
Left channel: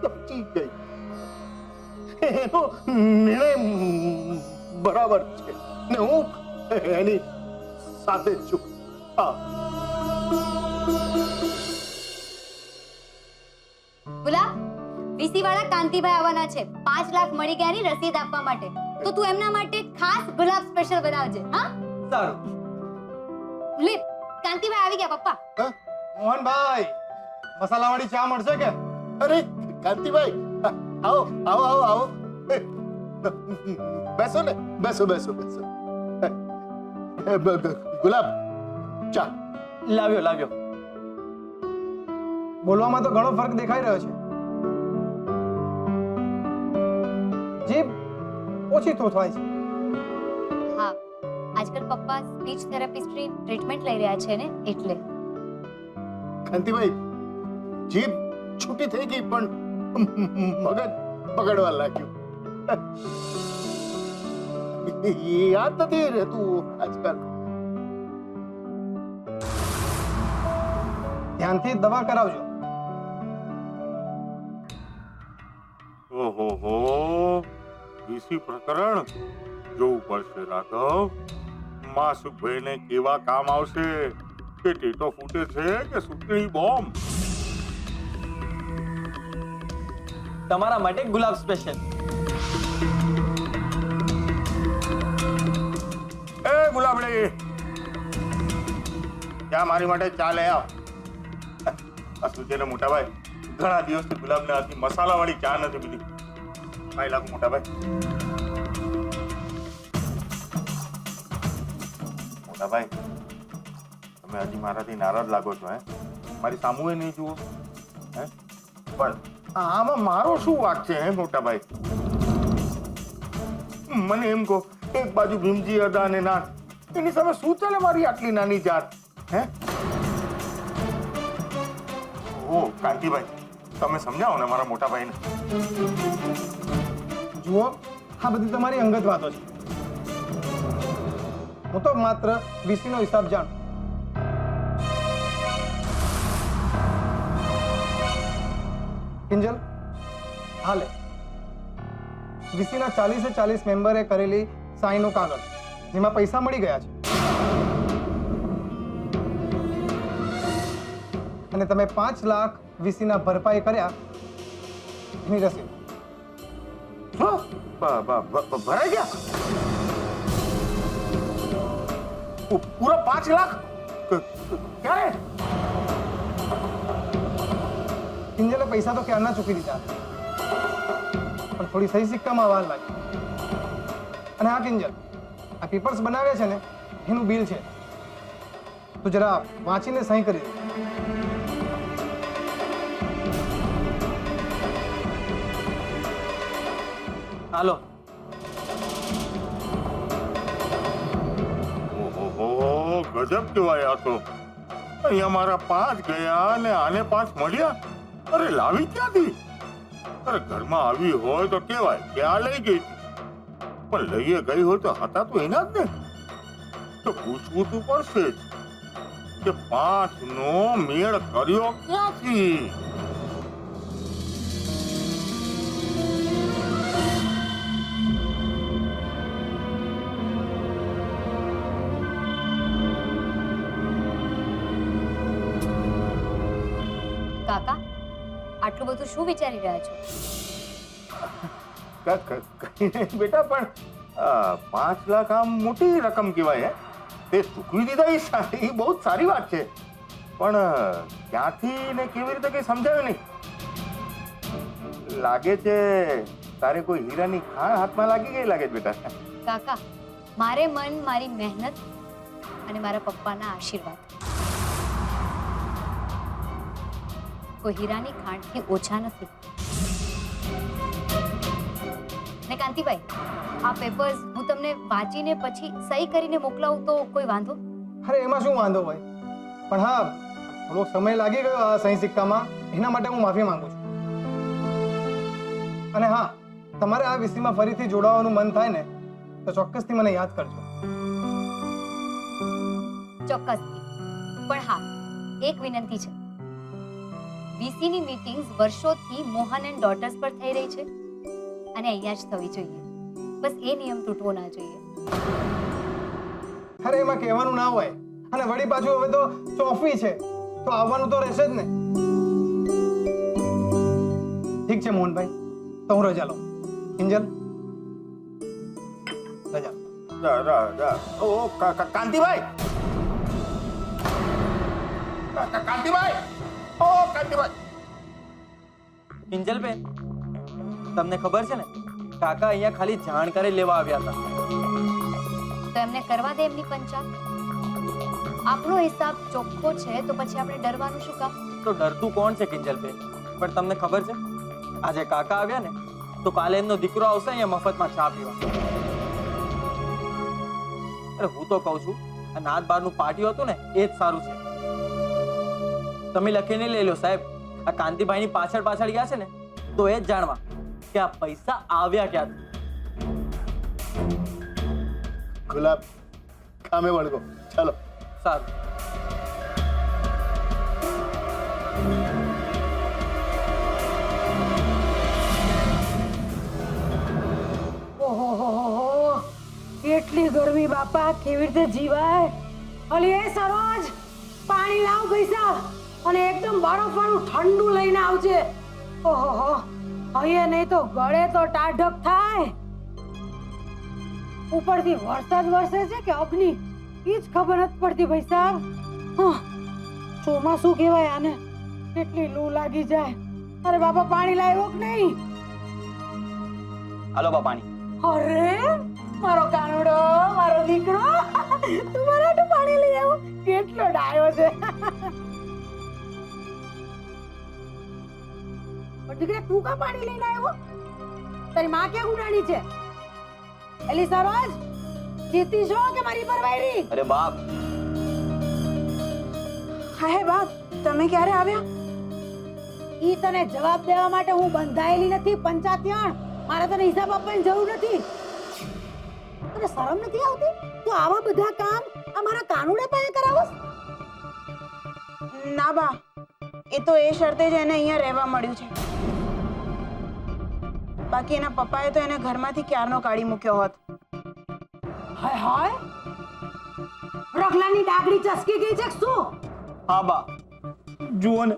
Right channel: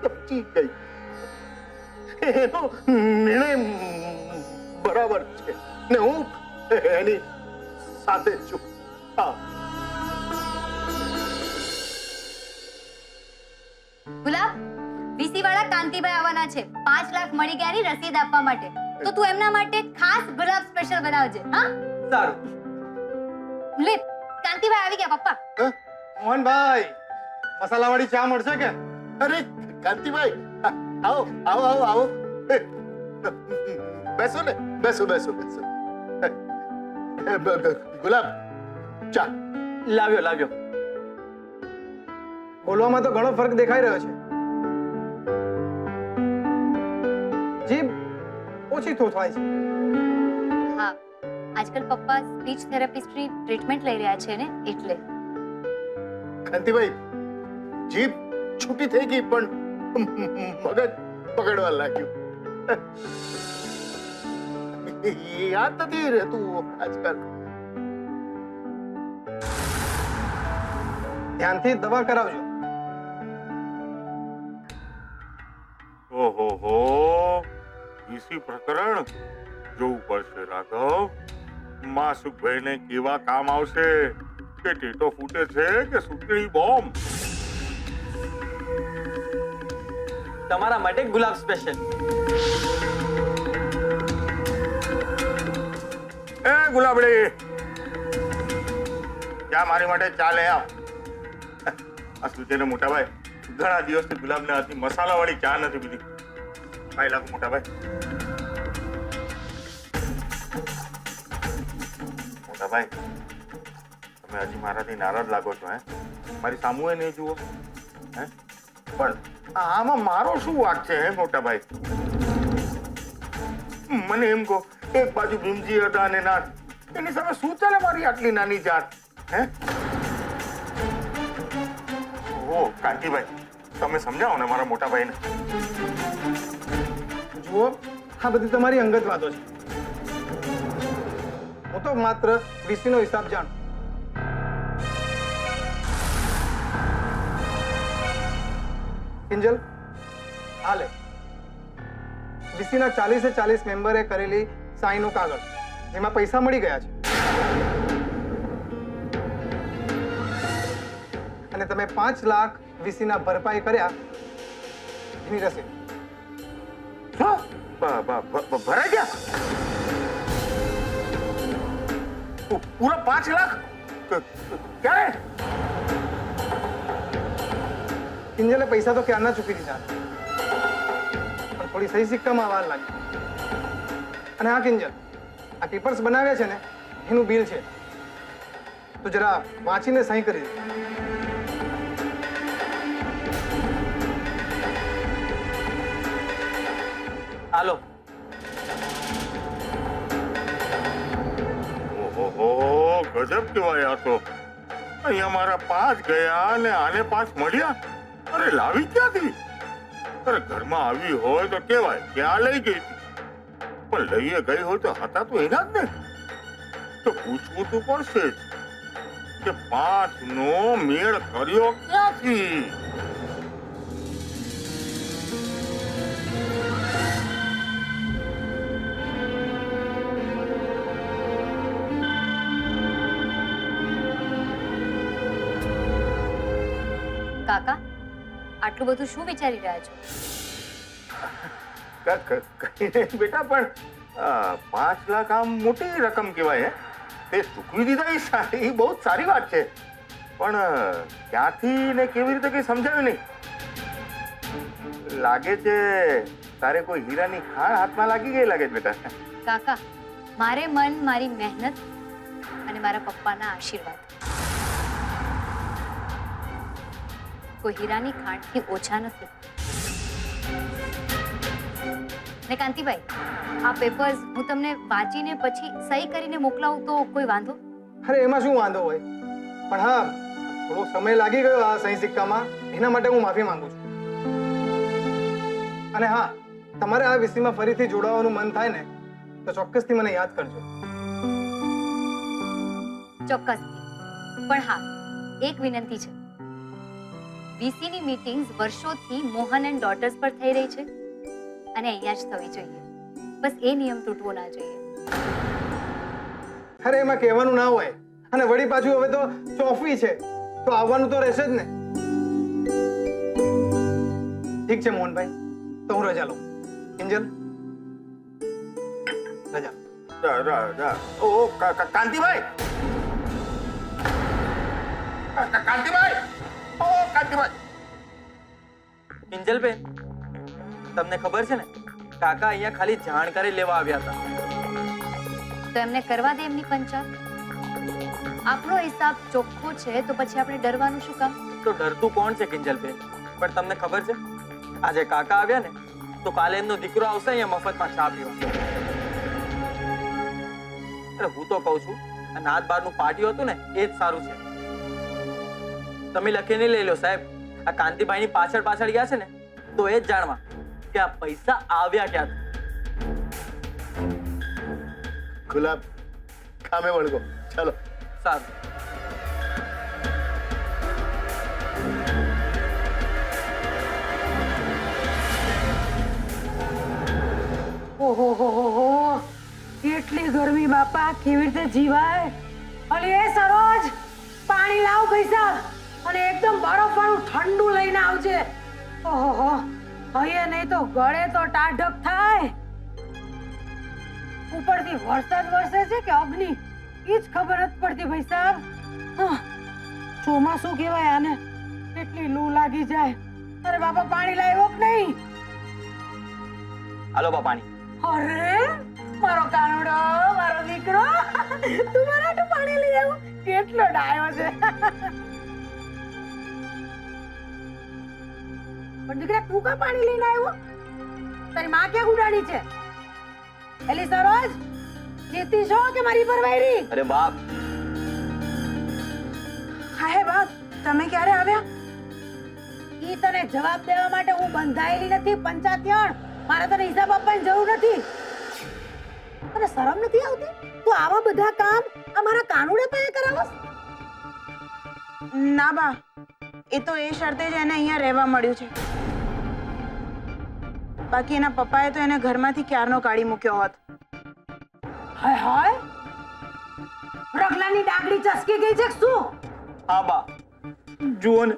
સમજી ગઈ. એનો નિર્ણય બરાબર છે ને હું એની સાથે છું. હા. ગુલાબ, વીસી વાળા કાંતિભાઈ આવવાના છે. 5 લાખ મળી ગયાની રસીદ આપવા માટે. તો તું એમના માટે ખાસ ગુલાબ સ્પેશિયલ બનાવજે. હા, સારું. લે, કાંતિભાઈ આવી ગયા પપ્પા. મોહનભાઈ, મસાલાવાળી ચા મળશે કે? અરે કાંતિભાઈ, આવો આવો આવો આવો. બેસો ને, બેસો બેસો બેસો. ગુલાબ, ચા લાવ્યો લાવ્યો. બોલવામાં તો ઘણો ફરક દેખાઈ રહ્યો છે. જીભ ઓછી થોથવાય છે. હા, આજકાલ પપ્પા સ્પીચ થેરાપિસ્ટની ટ્રીટમેન્ટ લઈ રહ્યા છે ને, એટલે. કાંતિભાઈ, જીભ છૂટી થઈ ગઈ પણ મગજ પકડવા લાગ્યું. યાદ નથી રહેતું આજકાલ. ધ્યાનથી દવા કરાવજો. ઓહો હો, વીસી પ્રકરણ જોવું પડશે રાઘવ. માસુકભાઈને કેવા કામ આવશે? કે ટેટો ફૂટે છે કે સુતળી બોમ્બ? તમારા માટે ગુલાબ સ્પેશિયલ. એ ગુલાબડી, ચા મારી માટે ચા લે આવ. અસલ છે ને મોટા ભાઈ, ઘણા દિવસથી ગુલાબના હાથની મસાલાવાળી ચા નથી પીધી. ભાઈ લાગુ મોટા ભાઈ. મોટા ભાઈ, તમે હજી મારાથી નારાજ લાગો છો? હે, મારી સામુએ નહીં જુઓ? હે, પણ આમાં મારો શું વાંક છે? હે મોટા ભાઈ, મને એમ કહો, એક બાજુ ભીમજી અદા અને નાથ, એની સામે શું ચાલે મારી આટલી નાની જાત? હે? ઓ કાંતિભાઈ, તમે સમજાવો ને મારા મોટા ભાઈને. જુઓ, આ બધી તમારી અંગત વાતો છે. હું તો માત્ર વીસીનો હિસાબ જાણું. કિંજલ, હાલે વીસીના 40 મેમ્બરે કરેલી સાઈનનું કાગળ, જેમાં પૈસા મળી ગયા છે, અને તમે 5 લાખ વીસીના ભરપાઈ કર્યા એની રસીદ. શું? ભરાઈ ગયા? પૂરા 5 લાખ? ક્યારે? કિંજલે પૈસા તો ક્યારના ચૂકી દીધા, પણ થોડી સહી સિક્કામાં વાર લાગી. અને હા કિંજલ, આ પેપર્સ બનાવ્યા છે ને, એનું બિલ છે, તો જરા વાંચીને સહી કરી દે. હાલો. ઓહો, ગજબ કહેવાય આ તો. અહીંયા મારા 5 ગયા અને આને 5 મળ્યા. અરે લાવી ક્યાંથી? અરે ઘરમાં આવી હોય તો કેવાય કે આ લઈ ગઈ હતી. પણ લઈએ ગઈ હોય તો હતા તો એના જ ને. તો પૂછવું તો પડશે જ કે 5 નો મેળ કર્યો ક્યાંથી? કાકા, આટલું બધું શું વિચારી રહ્યા છો? કઈ નહીં બેટા, પણ 5 લાખ આમ મોટી રકમ કહેવાય. હે, તે ચૂકવી દીધા એ બહુ જ સારી વાત છે, પણ ક્યાંથી ને કેવી રીતે કઈ સમજાયું નહીં. લાગે છે તારે કોઈ હીરાની ખાણ હાથમાં લાગી ગઈ લાગે છે બેટા. કાકા, મારે મન મારી મહેનત અને મારા પપ્પાના આશીર્વાદ કોઈ હીરાની ખાણથી ઓછા નથી. ને કાંતિભાઈ, આ પેપર્સ હું તમને વાંચીને પછી સહી કરીને મોકલાવું તો કોઈ વાંધો? અરે એમાં શું વાંધો હોય, પણ હા, થોડો સમય લાગી ગયો આ સહી સિક્કામાં, એના માટે હું માફી માંગુ છું. અને હા, તમારે આ વીસીમાં ફરીથી જોડાવાનું મન થાય ને તો ચોક્કસથી મને યાદ કરજો. ચોક્કસથી. પણ હા, એક વિનંતી છે. વીસીની મીટિંગ્સ વર્ષોથી મોહન એન્ડ ડોટર્સ પર થઈ રહી છે અને અહીંયા જ થવી જોઈએ. બસ એ નિયમ તૂટવો ના જોઈએ. અરે એમાં કહેવાનું ના હોય, અને વળી પાછું હવે તો ચોફી છે તો આવવાનું તો રહેશે જ ને. ઠીક છે મોહનભાઈ, તો હું રજા લઉં. કિંજલ, રજા. ઓ કાંતિભાઈ, કાંતિભાઈ, ઓ કાંતિભાઈ. કિંજલબેન, તમને ખબર છે ને, કાકા અહીંયા ખાલી જાણકારી લેવા આવ્યા હતા. તો એમને કરવા દે એમની પંચાયત. આપણો હિસાબ ચોખ્ખો છે તો પછી આપણે ડરવાનું શું કામ? તો ડરતું કોણ છે કિંજલબેન? પણ તમને ખબર છે, આજે કાકા આવ્યા ને તો કાલે એમનો દીકરો આવશે અહીંયા મફતમાં ચા પીવા. અરે હું તો કહું છું, આ નાત બારનું પાટિયું હતું ને એ જ સારું છે. તમે લખીને લઈ લો સાહેબ. આ કાંતિભાઈની પાછળ પાછળ ગયા છે ને તો એ જ જાણવા કે આ પૈસા આવ્યા ક્યાંથી. ગુલાબ, કામે વળગો. ચાલો. સારું. ઓહો, કેટલી ગરમી બાપા, કેવી રીતે જીવાય? અલી એ સરોજ, પાણી લાવ પૈસા, અને એકદમ બરફવાળું ઠંડુ લઈને આવજે. ઓહો, હવે નહીં તો ગળે તો ટાઢક થાય. ઉપરથી વરસાદ વરસે છે કે અગ્નિ, એ જ ખબર નથી પડતી ભાઈ સાહેબ. ચોમાસું કહેવાય આને, કેટલી લૂ લાગી જાય. અરે બાપા, પાણી લાવ્યો કે નહીં? હાલો બા પાણી. અરે મારો કાનુડો, મારો દીકરો, તું મારા હાટુ પાણી લઈ આવ્યો, કેટલો ડાયો છે. પણ દીકરા, તું કા પાણી લઈને આવ્યો? તારી માં ક્યાં ઉડાડી છે? એલી સરોજ જીતી છો કે મારી પર વાયરી? અરે બાપ, હા હે બાપ, તમે ક્યારે આવ્યા? ઈ તને જવાબ દેવા માટે હું બંધાયેલી નથી પંચાયણ. મારે તને હિસાબ આપવાની જરૂર નથી. તને શરમ નથી આવતી? તું આવા બધા કામ અમારા કાનુડે પાસે કરાવસ? ના બા, એ તો એ શરતે જ એને અહીંયા રહેવા મળ્યું છે. બાકી એના પપ્પાએ તો એને ઘરમાંથી ક્યારનો કાઢી મૂક્યો હોત. હાય હાય, રગલાની ડાગડી ચસકી ગઈ છે કે શું? હા બા, જુઓ ને,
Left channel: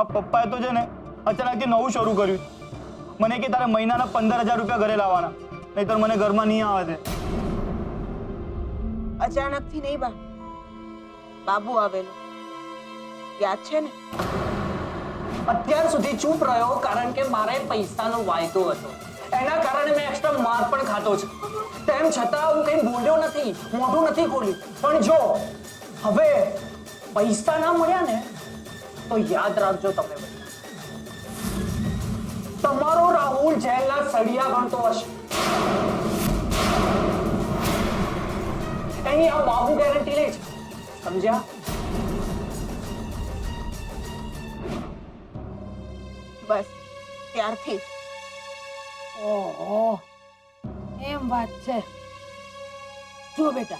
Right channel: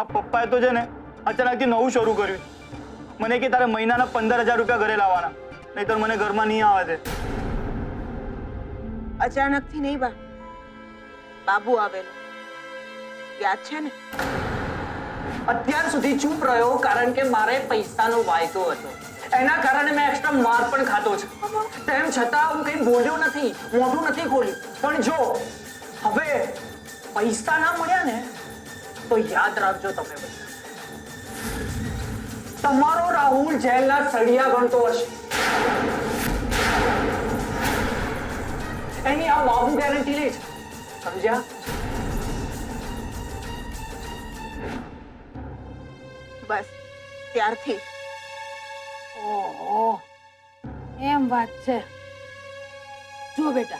આ પપ્પાએ તો છે ને અચાનકથી નવું શરૂ કર્યું. મને કે તારે મહિનાના 15,000 રૂપિયા ઘરે લાવવાના, નહીતર મને ઘરમાં નહીં આવે છે. અચાનકથી નહીં બા, બાબુ આવેલો, યાદ છે ને? અત્યાર સુધી ચૂપ રહ્યો કારણ કે મારે પૈસાનો વાયદો હતો. એના કારણે મેં એક્સ્ટ્રા માર પણ ખાતો છે. તેમ છતાં હું કંઈ બોલ્યો નથી, મોઢું નથી ખોલ્યું. પણ જો હવે પૈસા ના મળ્યા ને તો યાદ રાખજો તમે બધા, તમારો રાહુલ જેલના સળિયા ગણતો હશે. એની આ બાબુ ગેરંટી લે છે, સમજ્યા? બસ ત્યારથી ઓહો, એમ વાત છે. જો બેટા,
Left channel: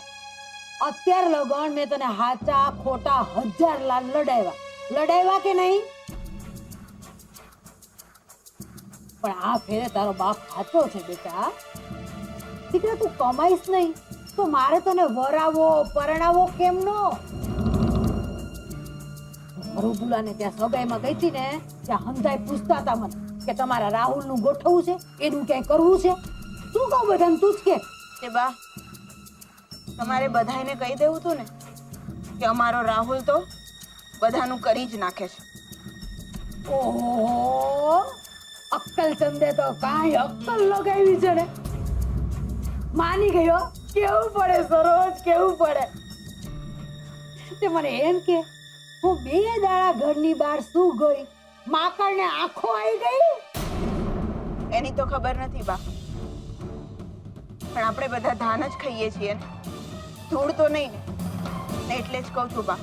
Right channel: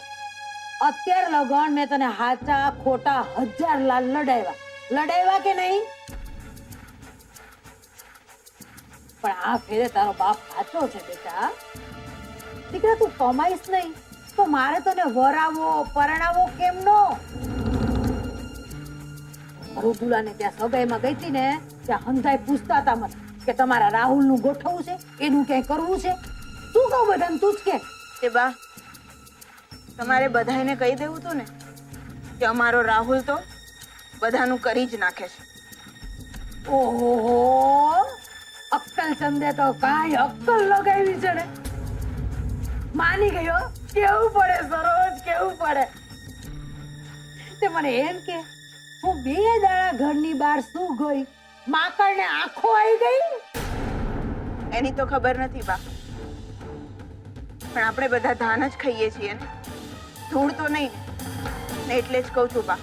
અત્યાર લગન મેં તને હાચા ખોટા 1000 લાલ લડાવ્યા કે નહીં? પણ આ ફેરે તારો બાપ સાચો છે બેટા. દીકરા, તું કમાઈશ નહીં તો મારે તને વરાવો પરણાવો કેમનો? મરુદુલાને ત્યાં સગાઈમાં ગઈ હતી ને, ત્યાં હંધાઈ પૂછતા હતા મને કે તમારા રાહુલનું ગોઠવવું છે, એનું ક્યાંય કરવું છે. શું કહું બધાને, તું જ કે. તે બા, તમારે બધાને કહી દેવું હતું ને કે અમારો રાહુલ તો બધાનું કરી જ નાખે છે. ઓહો, અક્કલ ચંદે તો કાંઈ અક્કલ લગાવી છે ને. માની ગયો. કેવું પડે સરોજ, કેવું પડે. તે મને એમ કે હું 2 દાડા ઘરની બહાર શું ગઈ, માકડને આંખો આવી ગઈ? એની તો ખબર નથી બા, પણ આપણે બધા ધાન જ ખાઈએ છીએ ને, ધૂળ તો નહીં ને. એટલે જ કહું છું બા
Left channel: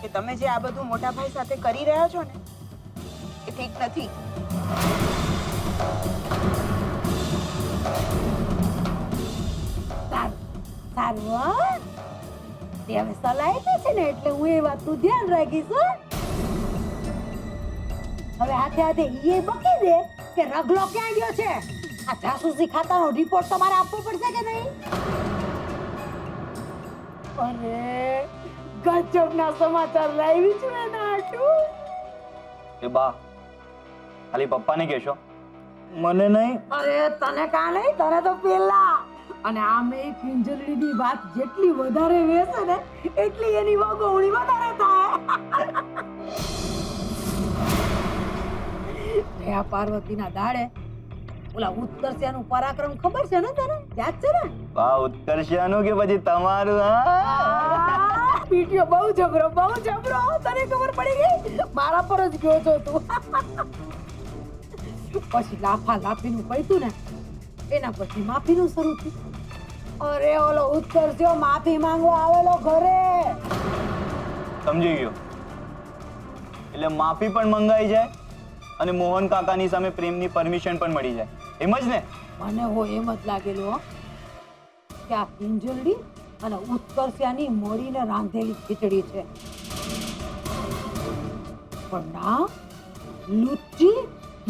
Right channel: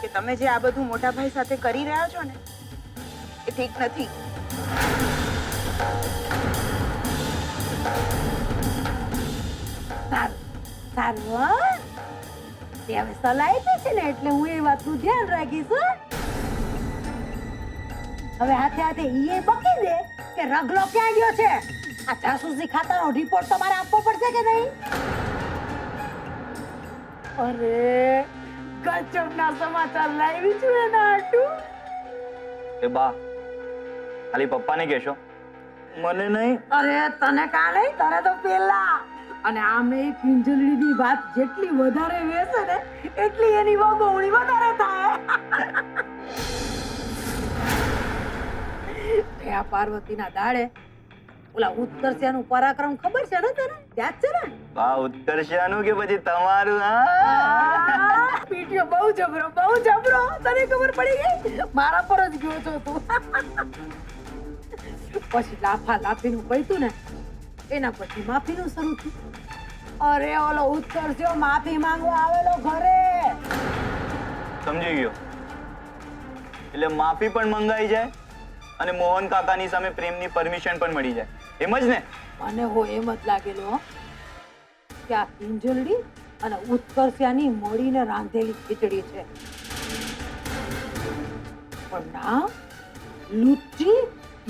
કે તમે જે આ બધું મોટા ભાઈ સાથે કરી રહ્યા છો ને, એ ઠીક નથી. સારું હો. તે હવે સલાહ આપી છે ને એટલે હું એ વાતનું ધ્યાન રાખીશ હો. હવે હાથે હાથે ઈ બકી દે કે રગલો ક્યાં ગયો છે. આ જાસૂસી ખાતાનો રિપોર્ટ તમારે આપવો પડશે કે નહીં? અરે ગજબના સમાચાર લાવી છું એના હાટું. એ બા, ખાલી પપ્પાને કહેશો, મને નહીં. અરે તને કા નહીં, તને તો પેલા. અને આમે કિંજલડીની વાત જેટલી વધારે વેસે ને એટલી એની વગોવણી વધારે થાય. જયા પાર્વતીના દાડે ઓલા ઉત્કર્ષિયાનું પરાક્રમ ખબર છે ને તને? યાદ છે ને? બા, ઉત્કર્ષિયાનું કે પછી તમારું? પીટીઓ બહુ જબરો, બહુ જબરો. તને ખબર પડી ગઈ? મારા પર જ ગયો છો તું. પછી લાફા લાફીનું પૈતું ને, એના પછી માફીનું શરૂ થયું. અરે ઓલો ઉત્કર્ષિયો માફી માંગવા આવેલો ઘરે. સમજી ગયો. એટલે માફી પણ મંગાઈ જાય અને મોહન કાકાની સામે પ્રેમની પરમિશન પણ મળી જાય, એમ જ ને? મને હો એમ જ લાગેલું હો કે આ કિંજલડી અને ઉત્કર્ષિયાની મળીને રાંધેલી ખીચડી છે. પણ ના, લુચ્ચી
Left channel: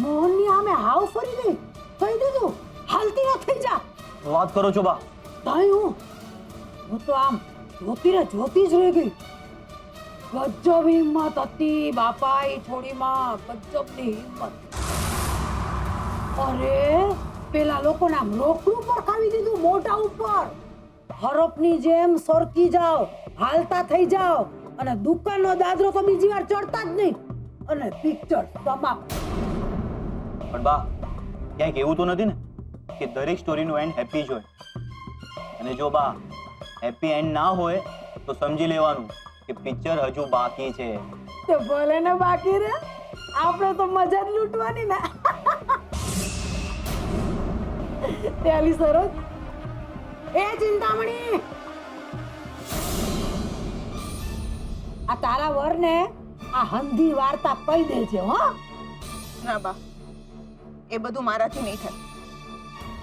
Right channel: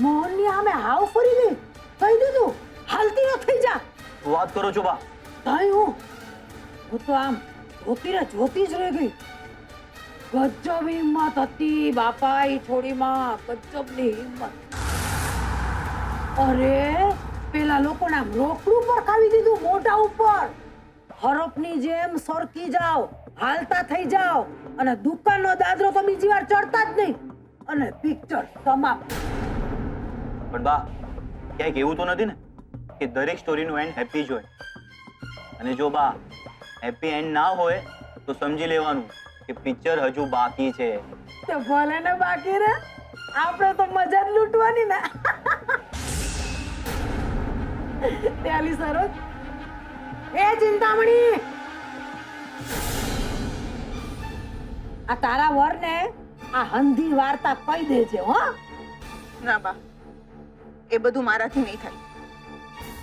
મોહનની સામે હાવ ફરી ગઈ. કહી દીધું હાલતી ન થઈ જા. વાત કરો છો બા? તાઈ હું તો આમ જોતી જ રહી ગઈ. ગજબ હિંમત હતી બાપા ઈ છોડીમાં, ગજબની હિંમત. અરે પેલા લોકોને આમ રોકડું પર ખાવી દીધું, મોઢા ઉપર. હરપની જેમ સરકી જાઓ, હાલતા થઈ જાઓ, અને દુકાનનો દાદરો તો બીજી વાર ચડતા જ નહીં, અને પિક્ચર સમાપ્ત. પણ બા, ક્યાંક એવું તો નથી ને કે દરેક સ્ટોરીનું એન્ડ હેપી જ હોય? અને જો બા હેપી એન્ડ ના હોય તો સમજી લેવાનું કે પિક્ચર હજુ બાકી છે. તો ભલે ને બાકી રે, આપણે તો મજા જ લૂંટવાની ને. તે આલી સરોજ એ ચિંતામણી આ તારા વરને આ હંધી વાર્તા કહી દેજે હો. ના બા, એ બધું મારાથી નહીં થાય.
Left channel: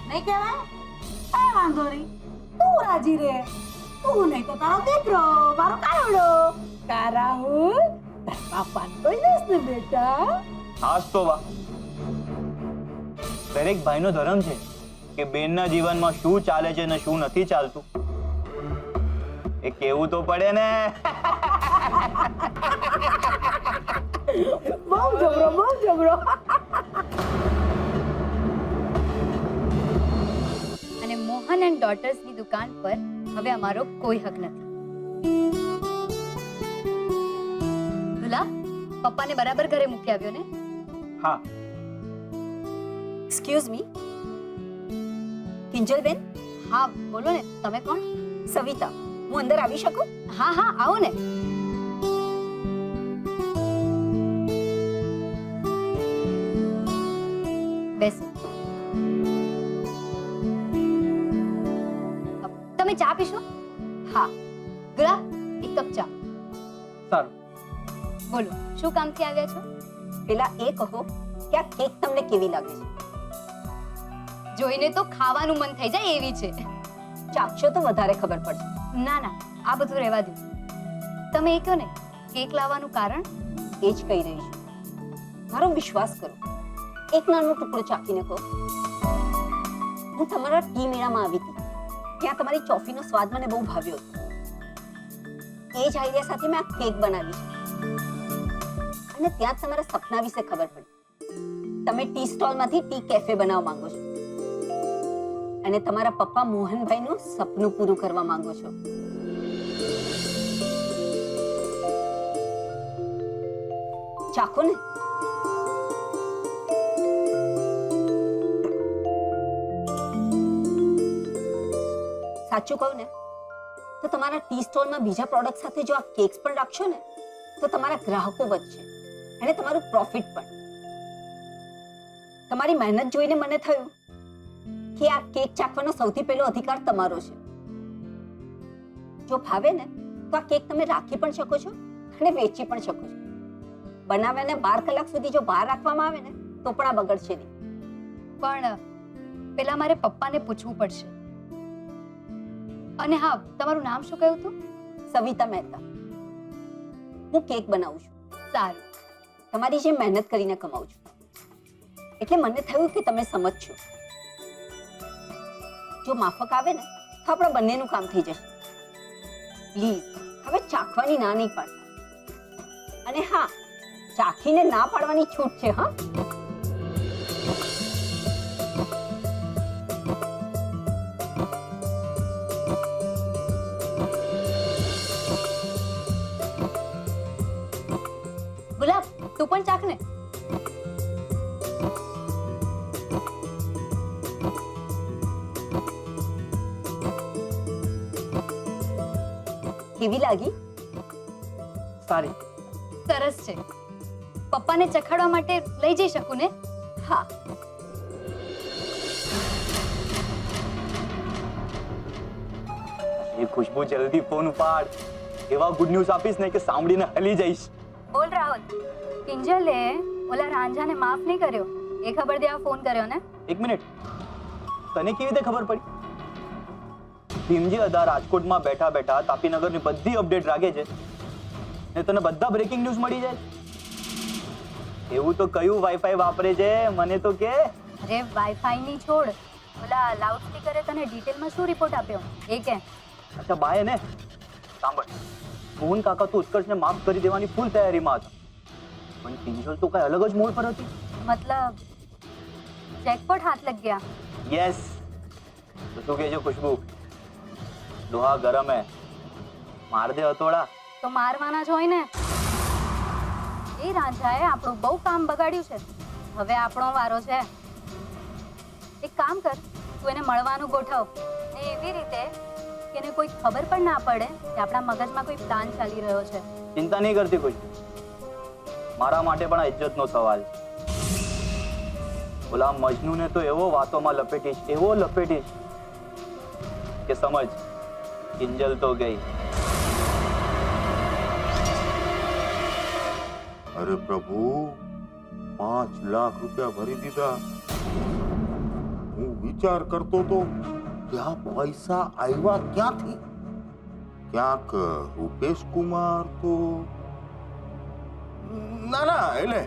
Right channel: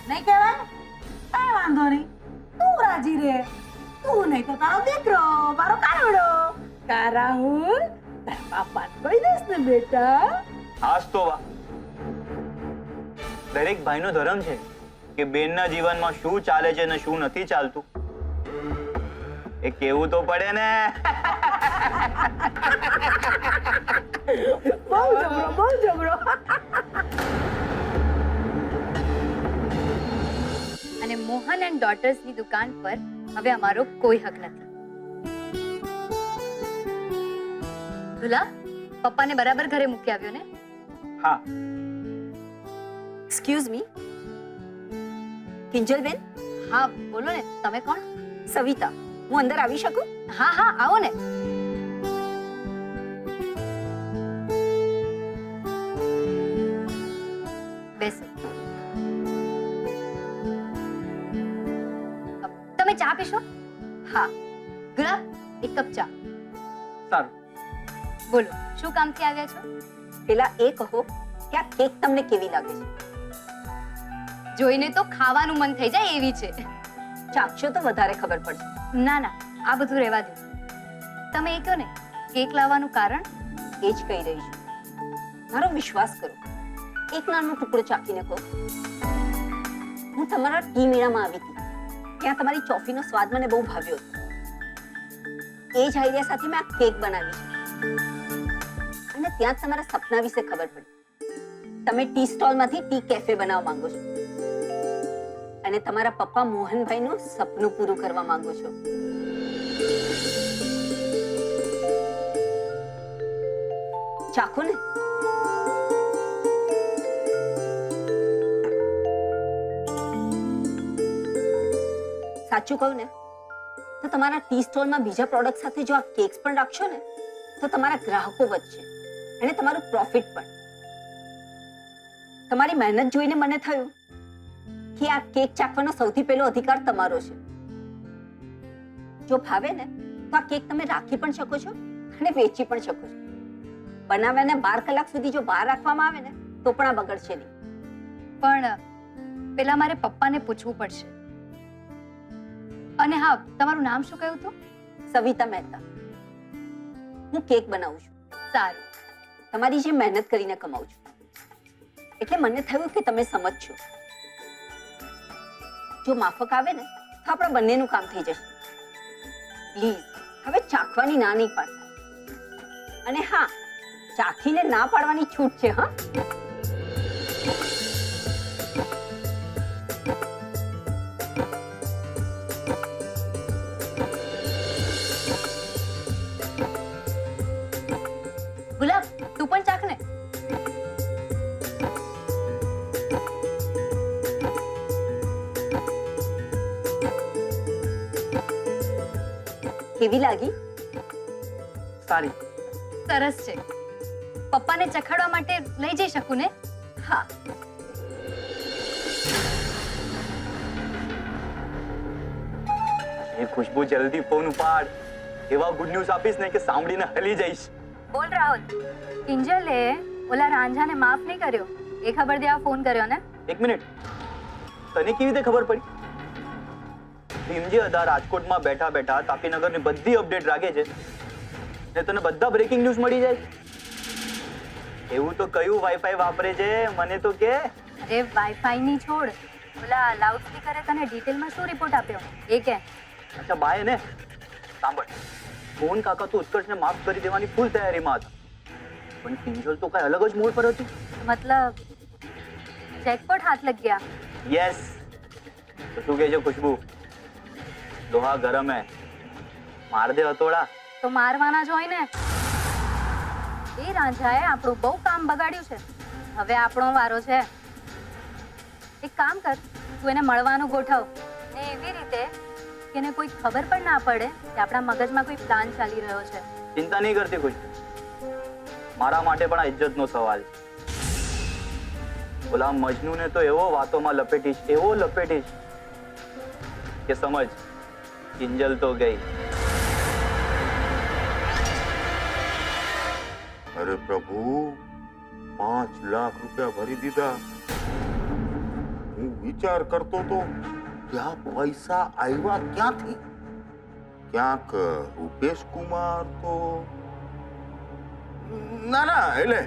નહીં કહેવાય? કઈ વાંધો નહીં, તું રાજી રે. તું નહીં તો તારો દીકરો, મારો કાનવડો કા રાહુલ તારા બાપાને કહી દઈશ ને બેટા. હાસ તો બા, દરેક ભાઈનો ધર્મ છે કે બેનના જીવનમાં શું ચાલે છે ને શું નથી ચાલતું એ કેવું તો પડે ને. બહુ જબરો, બહુ જબરો. અને મોહન એન્ડ ડોટર્સની દુકાન પર હવે અમારો કોઈ હક નથી. દુલા, પપ્પાને બરાબર ઘરે મૂકી આવ્યો ને? હા. એક્સક્યુઝ મી, કિંજલબેન. હા બોલો ને, તમે કોણ? સવિતા, હું અંદર આવી શકું? હા હા, આવો ને. બેસો. તમે ચા પીશો? હા. ગુલા, એક કપ ચા. સારું. બોલો, શું કામથી આવ્યા છો? પેલા એ કહો કે આ કેક તમને કેવી લાગે છે? જોઈને તો ખાવાનું મન થઈ જાય એવી છે. ચાખશો તો વધારે ખબર પડશે. ના ના, આ બધું રહેવા દો. તમે એ કહો ને, કેક લાવવાનું કારણ? એ જ કહી રહી છું. મારો વિશ્વાસ કરો, એક નાનો ટુકડો ચાખીને કહો. હું તમારા ટી મેળામાં આવી હતી, ત્યાં તમારી ચોફીનો સ્વાદ મને બહુ ભાવ્યો હતો. એ જ આઈડિયા સાથે મેં આ કેક બનાવી છે અને ત્યાં જ તમારા સપના વિશે ખબર પડી. તમે ટી સ્ટોલમાંથી ટી કેફે બનાવવા માંગો છો અને તમારા પપ્પા મોહનભાઈનું સપનું પૂરું કરવા માંગો છો. ચાખો ને. સાચું કહું ને તો તમારા ટી સ્ટોલમાં બીજા પ્રોડક્ટ સાથે જો આ કેક્સ પણ રાખશો ને તો તમારા ગ્રાહકો વધશે અને તમારું પ્રોફિટ પણ. તમારી મહેનત જોઈને મને થયું કે આ કેક ચાખવાનો સૌથી પહેલો અધિકાર તમારો છે. જો ભાવે ને તો આ કેક તમે રાખી પણ શકો છો અને વેચી પણ શકો છો. બનાવ્યાને 12 કલાક સુધી જો બહાર રાખવામાં આવે ને તો પણ આ બગડશે નહીં. પણ પેલા મારે પપ્પાને પૂછવું પડશે. અને હા, તમારું નામ શું કહ્યું હતું? સવિતા મહેતા. હું કેક બનાવું છું. સારું. તમારી જે મહેનત કરીને કમાઉં છું એટલે મને થયું કે તમે સમજશો. જો માફક આવે ને તો આપણા બંનેનું કામ થઈ જશે. પ્લીઝ હવે ચાખવાની ના નહીં પાડતા. અને હા, ચાખીને ના પાડવાની છૂટ છે. હા, ગુલાબ, તું પણ ચાખ ને. કેવી લાગી? સારી. સરસ છે. પપ્પાને ચખાડવા માટે લઈ જઈ શકું ને? હા. એ ખુશ્બુ, જલ્દી ફોન ઉપાડ. એવા ગુડ ન્યૂઝ આપીશ ને કે સાંભળીને હલી જઈશ. બોલ રાહુલ, કિંજલે ઓલા રાંઝાને માફ નહીં કર્યો એ ખબર દેવા ફોન કર્યો ને? એક મિનિટ, તને કેવી રીતે ખબર પડી? ભીમજી અદા રાજકોટમાં બેઠા બેઠા તાપીનગરની બધી અપડેટ રાખે છે ને તને બધા બ્રેકિંગ ન્યૂઝ મળી જાય. એવું તો કયું વાઈફાઈ વાપરે છે મને તો કે. અરે વાઈફાઈ ની છોડ, ઓલા લાઉડ સ્પીકરે તને ડિટેલમાં શું રિપોર્ટ આપ્યો એ કે? અચ્છા બાય ને, સાંભળ, મોહન કાકા તો ઉત્કર્ષને માફ કરી દેવાની ફૂલ તૈયારીમાં હતા, પણ કિંજલ તો કઈ અલગ જ મોડ પર હતી. મતલબ જેકપોટ હાથ લગ ગયા. યસ. તો શું કહે છે ખુશ્બુ? લોહા ગરમ હે, માર દે હતોડા. તો મારવાના જ હોય ને. એ રાંઝાએ આપણું બહુ કામ બગાડ્યું છે, હવે આપણો વારો છે. એક કામ કર, તું એને મળવાનું ગોઠવ ને એવી રીતે કે એને કોઈ ખબર પણ ના પડે કે આપણા મગજમાં કોઈ પ્લાન ચાલી રહ્યો છે. ચિંતા નહીં કરતી ખુશ્બુ, મારા માટે પણ આ ઇજ્જતનો સવાલ છે. ઓલા મજનૂને તો એવો વાતોમાં લપેટીશ કે સમજ કિંજલ તો ગઈ. અરે પ્રભુ, 5 લાખ રૂપિયા ભરી દીધા. હું વિચાર કરતો તો કે આ પૈસા આવ્યા ક્યાંથી? ક્યાંક રૂપેશ કુમાર તો ના એટલે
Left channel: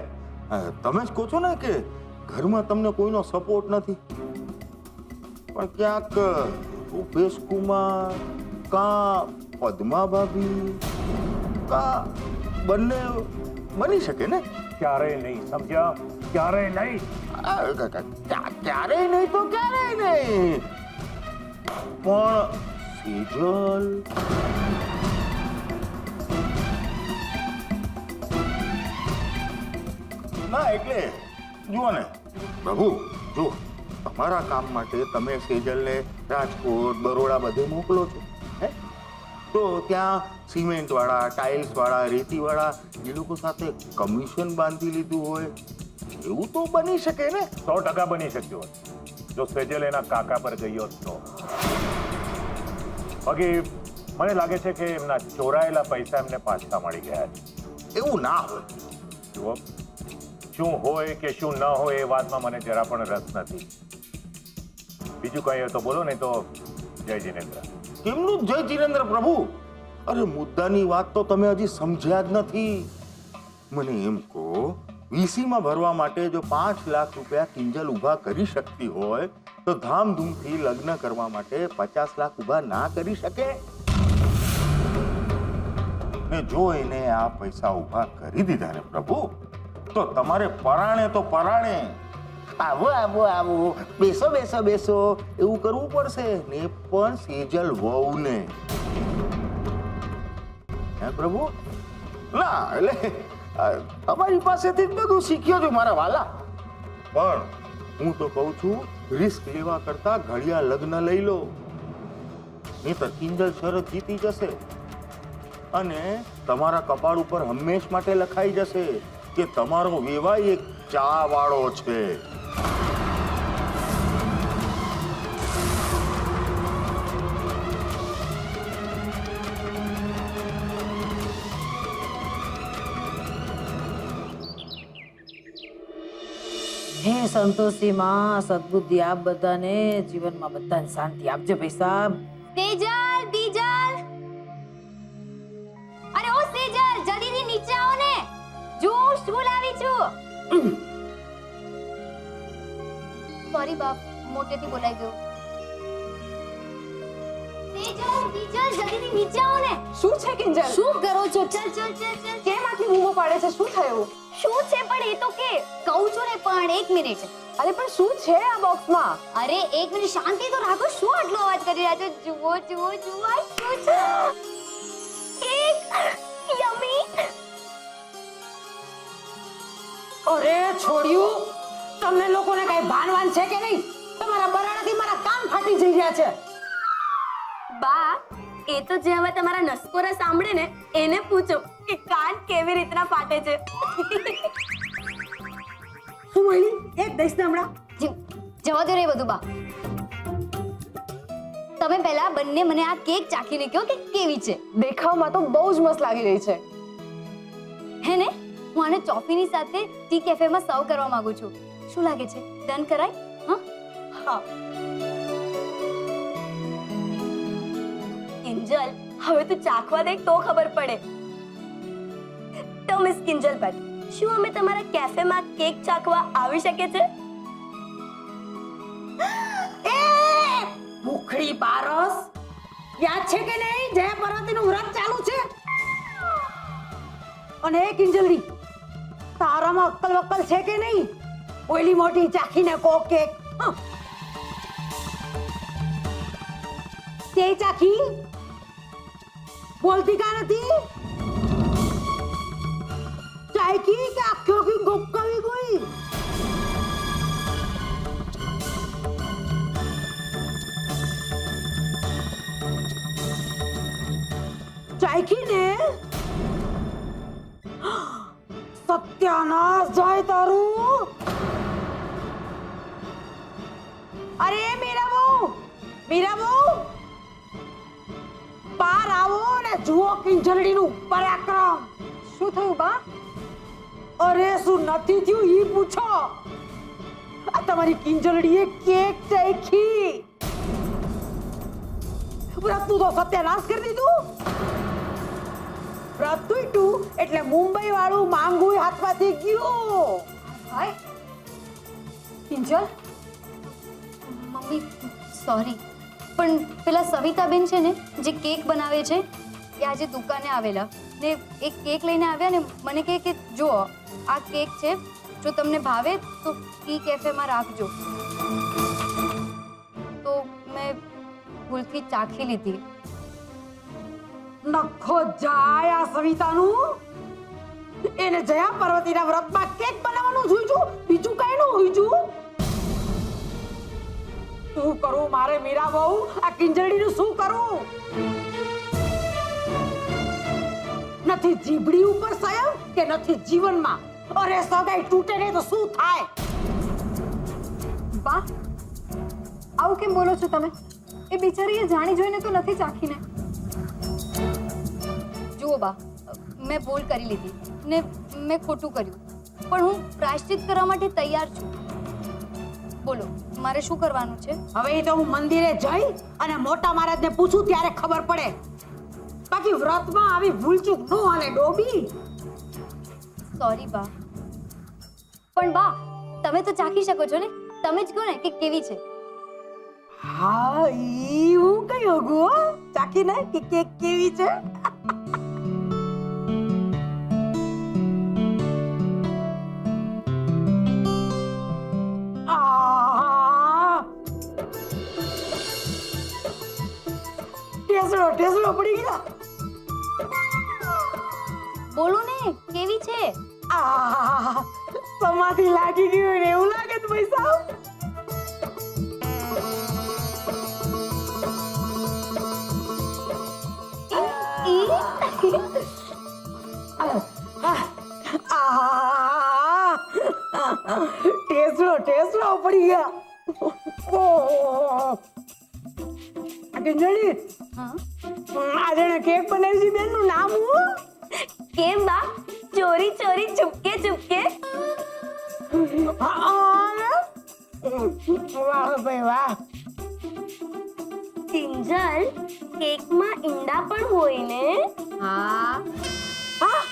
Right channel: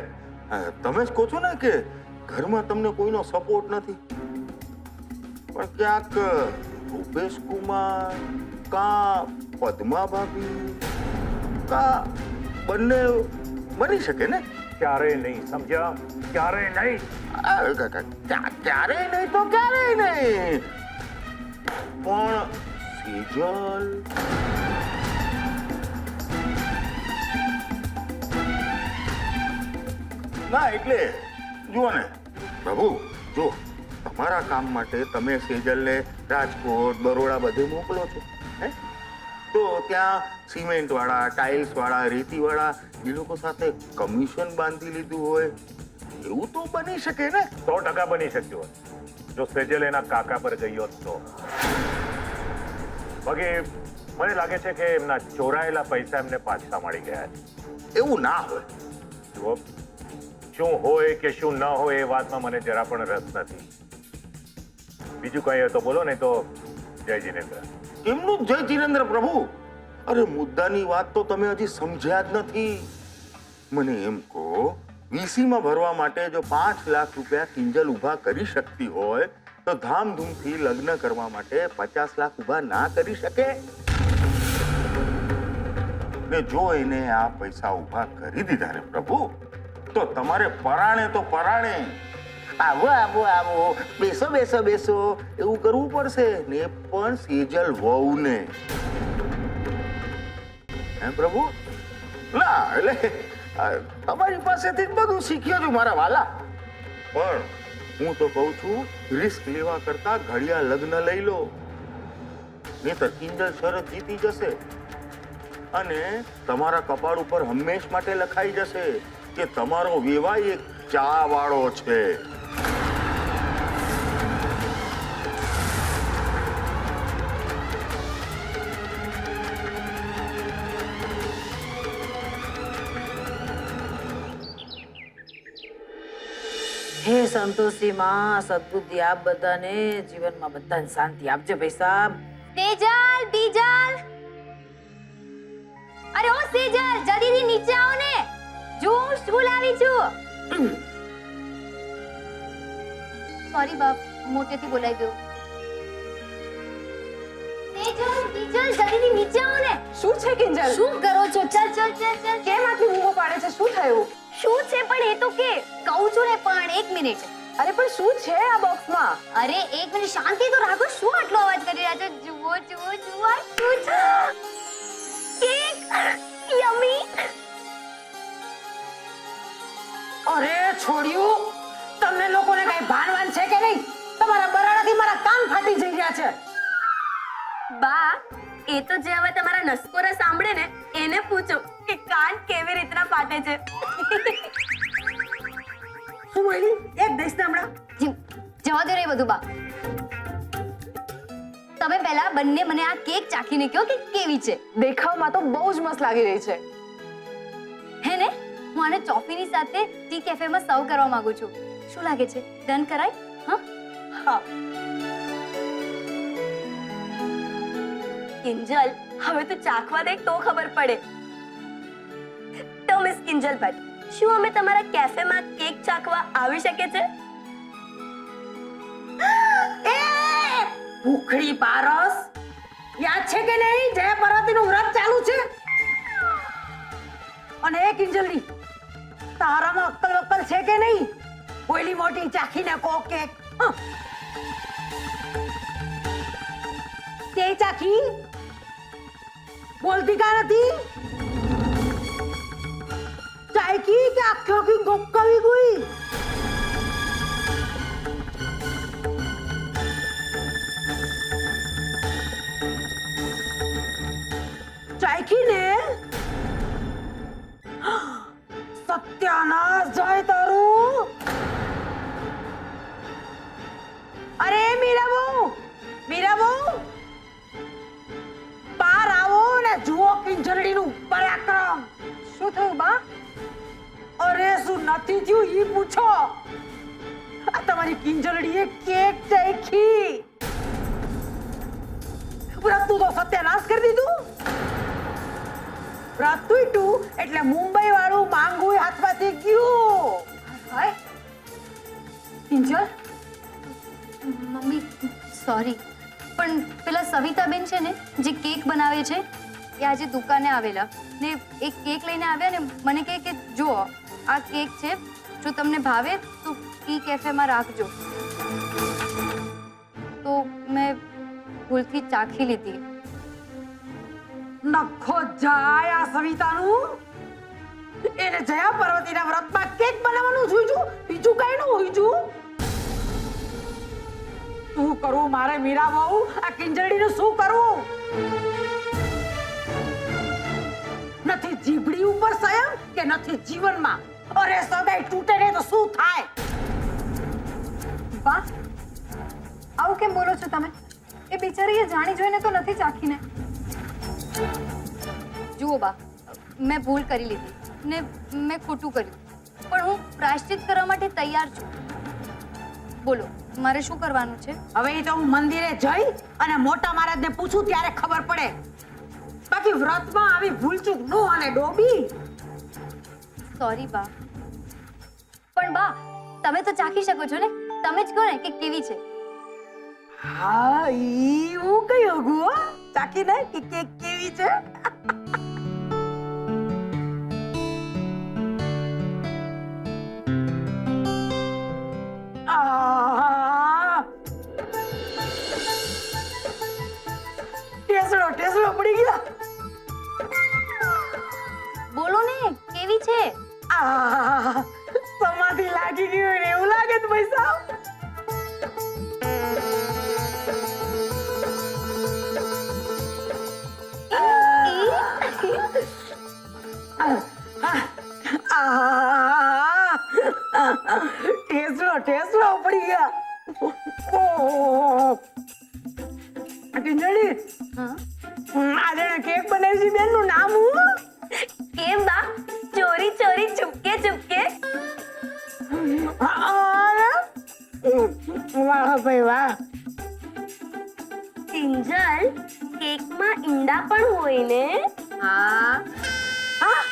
તમે જ કહો છો ને કે ઘરમાં તમને કોઈનો સપોર્ટ નથી, પણ ક્યાંક રૂપેશ કુમાર કા પદ્મા ભાભી કા બંને બની શકે ને? ક્યારેય નહીં, સમજ્યા? ક્યારેય નહીં. ક્યારેય નહીં તો ક્યારેય નહીં, પણ સેજલ ના. એટલે જુઓ ને પ્રભુ, જો તમારા કામ માટે તમે સેજલને રાજકોટ, બરોડા બધે મોકલો છો, હે? તો ત્યાં સિમેન્ટ વાળા, ટાઇલ્સ વાળા, રેતી વાળા એ લોકો સાથે કમિશન બાંધી લીધું હોય એવું તો બની શકે ને? 100% બની શક્યું હોત જો સેજલ એના કાકા પર ગઈ હોત તો. બાકી મને લાગે છે કે એમના ચોરાયેલા પૈસા એમને પાછા મળી ગયા છે. એવું ના હોય. જુઓ, શું હોય કે શું ન હોય એ વાતમાં મને જરા પણ રસ નથી. બીજું કઈ હોય તો બોલો, નહીં તો જય જિનેન્દ્ર. કેમનું જય જિનેન્દ્ર પ્રભુ? અરે મુદ્દાની વાત તો તમે હજી સમજ્યા જ નથી. મને એમ કહો, વીસીમાં ભરવા માટે જો 5 લાખ રૂપિયા કિંજલ ઊભા કરી શકતી હોય તો ધામધૂમથી લગ્ન કરવા માટે 50 લાખ ઊભા ના કરી શકે? ને જો એને આ પૈસા ઊભા કરી દીધા ને પ્રભુ, તો તમારે પરાણે તો પરાણે આવો આવો આવો, બેસો બેસો બેસો એવું કરવું પડશે ને, પણ સેજલ વહુને. હે પ્રભુ? ના એટલે તમારી પાસેથી જ બધું શીખ્યો છું મારા વાલા, પણ હું તો કહું છું રિસ્ક લેવા કરતા ઘડિયા લગ્ન લઈ લો, નહીંતર કિંજલ શરત જીતી જશે અને તમારા કપાળ ઉપર હંમેશ માટે લખાઈ જશે કે તમારો વેવાઈ એક ચા વાળો છે. હે સંતોષી માં, સદબુદ્ધિ આપ બધાને, જીવનમાં બધાને શાંતિ આપજે ભાઈ સાહેબ. સેજલ, બીજલ. અરે ઓ સેજલ, જલ્દીથી નીચે આવો ને. જો હું સ્કૂલ આવી છું. સોરી બાપ, મોટેથી બોલાઈ ગયો. સેજલ, બીજલ, જલ્દીથી નીચે આવો ને. શું છે કિંજલ? શું કરો છો? ચલ ચલ ચલ ચલ. કેમ આટલી બૂમો પાડે છે? શું થયું? શું છે પણ એ તો કે. કહું છું ને પણ 1 મિનિટ. અરે પણ શું છે આ બોક્સમાં? અરે 1 મિનિટ શાંતિ તો રાખો. શું આટલો અવાજ કરી રહ્યા છો? જુઓ જુઓ જુઓ, આ શું છે? કેક યમી. અરે છોડ્યું, તમને લોકોને કઈ ભાનવાન છે કે નહીં? તમારા બરાડાથી મારા કાન ફાટી જઈ રહ્યા છે. બા, એ તો જે હવે તમારા નસકોરા સાંભળે ને એને પૂછો કે કાન કેવી રીતના ફાટે છે. શું બોલી? એક દઈશ ને હમણાં. જવા દો રે બધું બા. તમે પહેલા બંને મને આ કેક ચાખીને કહો કે કેવી છે. દેખાવમાં તો બહુ જ મસ્ત લાગી રહી છે. હે ને? હું આને ચોફીની સાથે ટી કેફેમાં સર્વ કરવા માંગુ છું. શું લાગે છે? ડન કરાય? હા હા. કિંજલ, હવે તું ચાખવા દે તો ખબર પડે. તો મિસ કિંજલ ભટ્ટ, શું અમે તમારા કેફેમાં કેક ચાખવા આવી શકે છે? એ ભૂખડી પારસ, યાદ છે કે નહીં જય પાર્વતીનું વ્રત ચાલુ છે? અને એ કિંજલની, તારામાં અક્કલ વક્કલ છે કે નહીં? ઓઈલી મોટી ચાખીને કો કેક. તે ચાખી બોલતી કા નથી? ચાખી કે આખી આખી ગોપકાવી ગઈ? ચાખી ને? સત્યાનાશ જાય તારું. કિંજલડીનું પરાક્રમ. શું થયું બા? અરે શું નથી થયું ઈ પૂછો. આ તમારી કિંજલડીએ કેક ચાખી. વ્રતનું તો સત્યાનાશ કરી દીધું. વ્રત તૂટ્યું એટલે મુંબઈ વાળું માંગુય હાથમાંથી ગયું. હાય કિંજલ, મમ્મી સોરી, પણ પેલા સવિતાબેન છે ને જે કેક બનાવે છે એ આજે દુકાને આવેલા ને એક કેક લઈને આવ્યા ને મને કહે કે જુઓ આ કેક છે, જો તમને ભાવે તો ઈ કેફેમાં રાખજો. તો મેં ભૂલથી ચાખી લીધી. નખો જાય આ સવિતાનું. એને જયા પાર્વતીના વ્રતમાં કેક બનાવવાનું જોઈજું, બીજું કઈ નું હોઈજું. શું કરું મારે મીરા બહુ? આ કિંજલડીનું શું કરું? નથી જીભડી ઉપર સંયમ કે નથી જીવનમાં. અરે સગાઈ તૂટે ને તો શું થાય? બા આવું કેમ બોલો છો તમે? એ બિચારીએ જાણી જોઈને તો નથી ચાખીને. જુઓ બા, મેં ભૂલ કરી લીધી ને મેં ખોટું કર્યું, પણ હું પ્રાયશ્ચિત કરવા માટે તૈયાર છું. બોલો મારે શું કરવાનું છે? હવે તો હું મંદિરે જઈ અને મોટા મહારાજને પૂછું ત્યારે ખબર પડે. બાકી વ્રતમાં આવી ભૂલચૂક નો હાલે ડોબી. સોરી બા, પણ બા તમે તો ચાખી શકો છો ને, તમે જ કહો ને કે કેવી છે. હા ઈ હું કઈ હગું હો ચાખીને કે કેક કેવી છે. ટેસડો પડી ગયા. બોલો ને કેવી છે? સમાધિ લાગી ગઈ હોય ને એવું લાગે છે ભાઈ સાહેબ. ટેસડો પડી ગયા. ઓહો કિંજળી, આજે કેક બનાવી છે બેન નું નામ હું? કેમ બા? ચોરી ચોરી ચુપકે ચુપકે. વાહ ભાઈ વાહ. કિંજલ, કેકમાં ઈંડા પણ હોય ને? હા હા.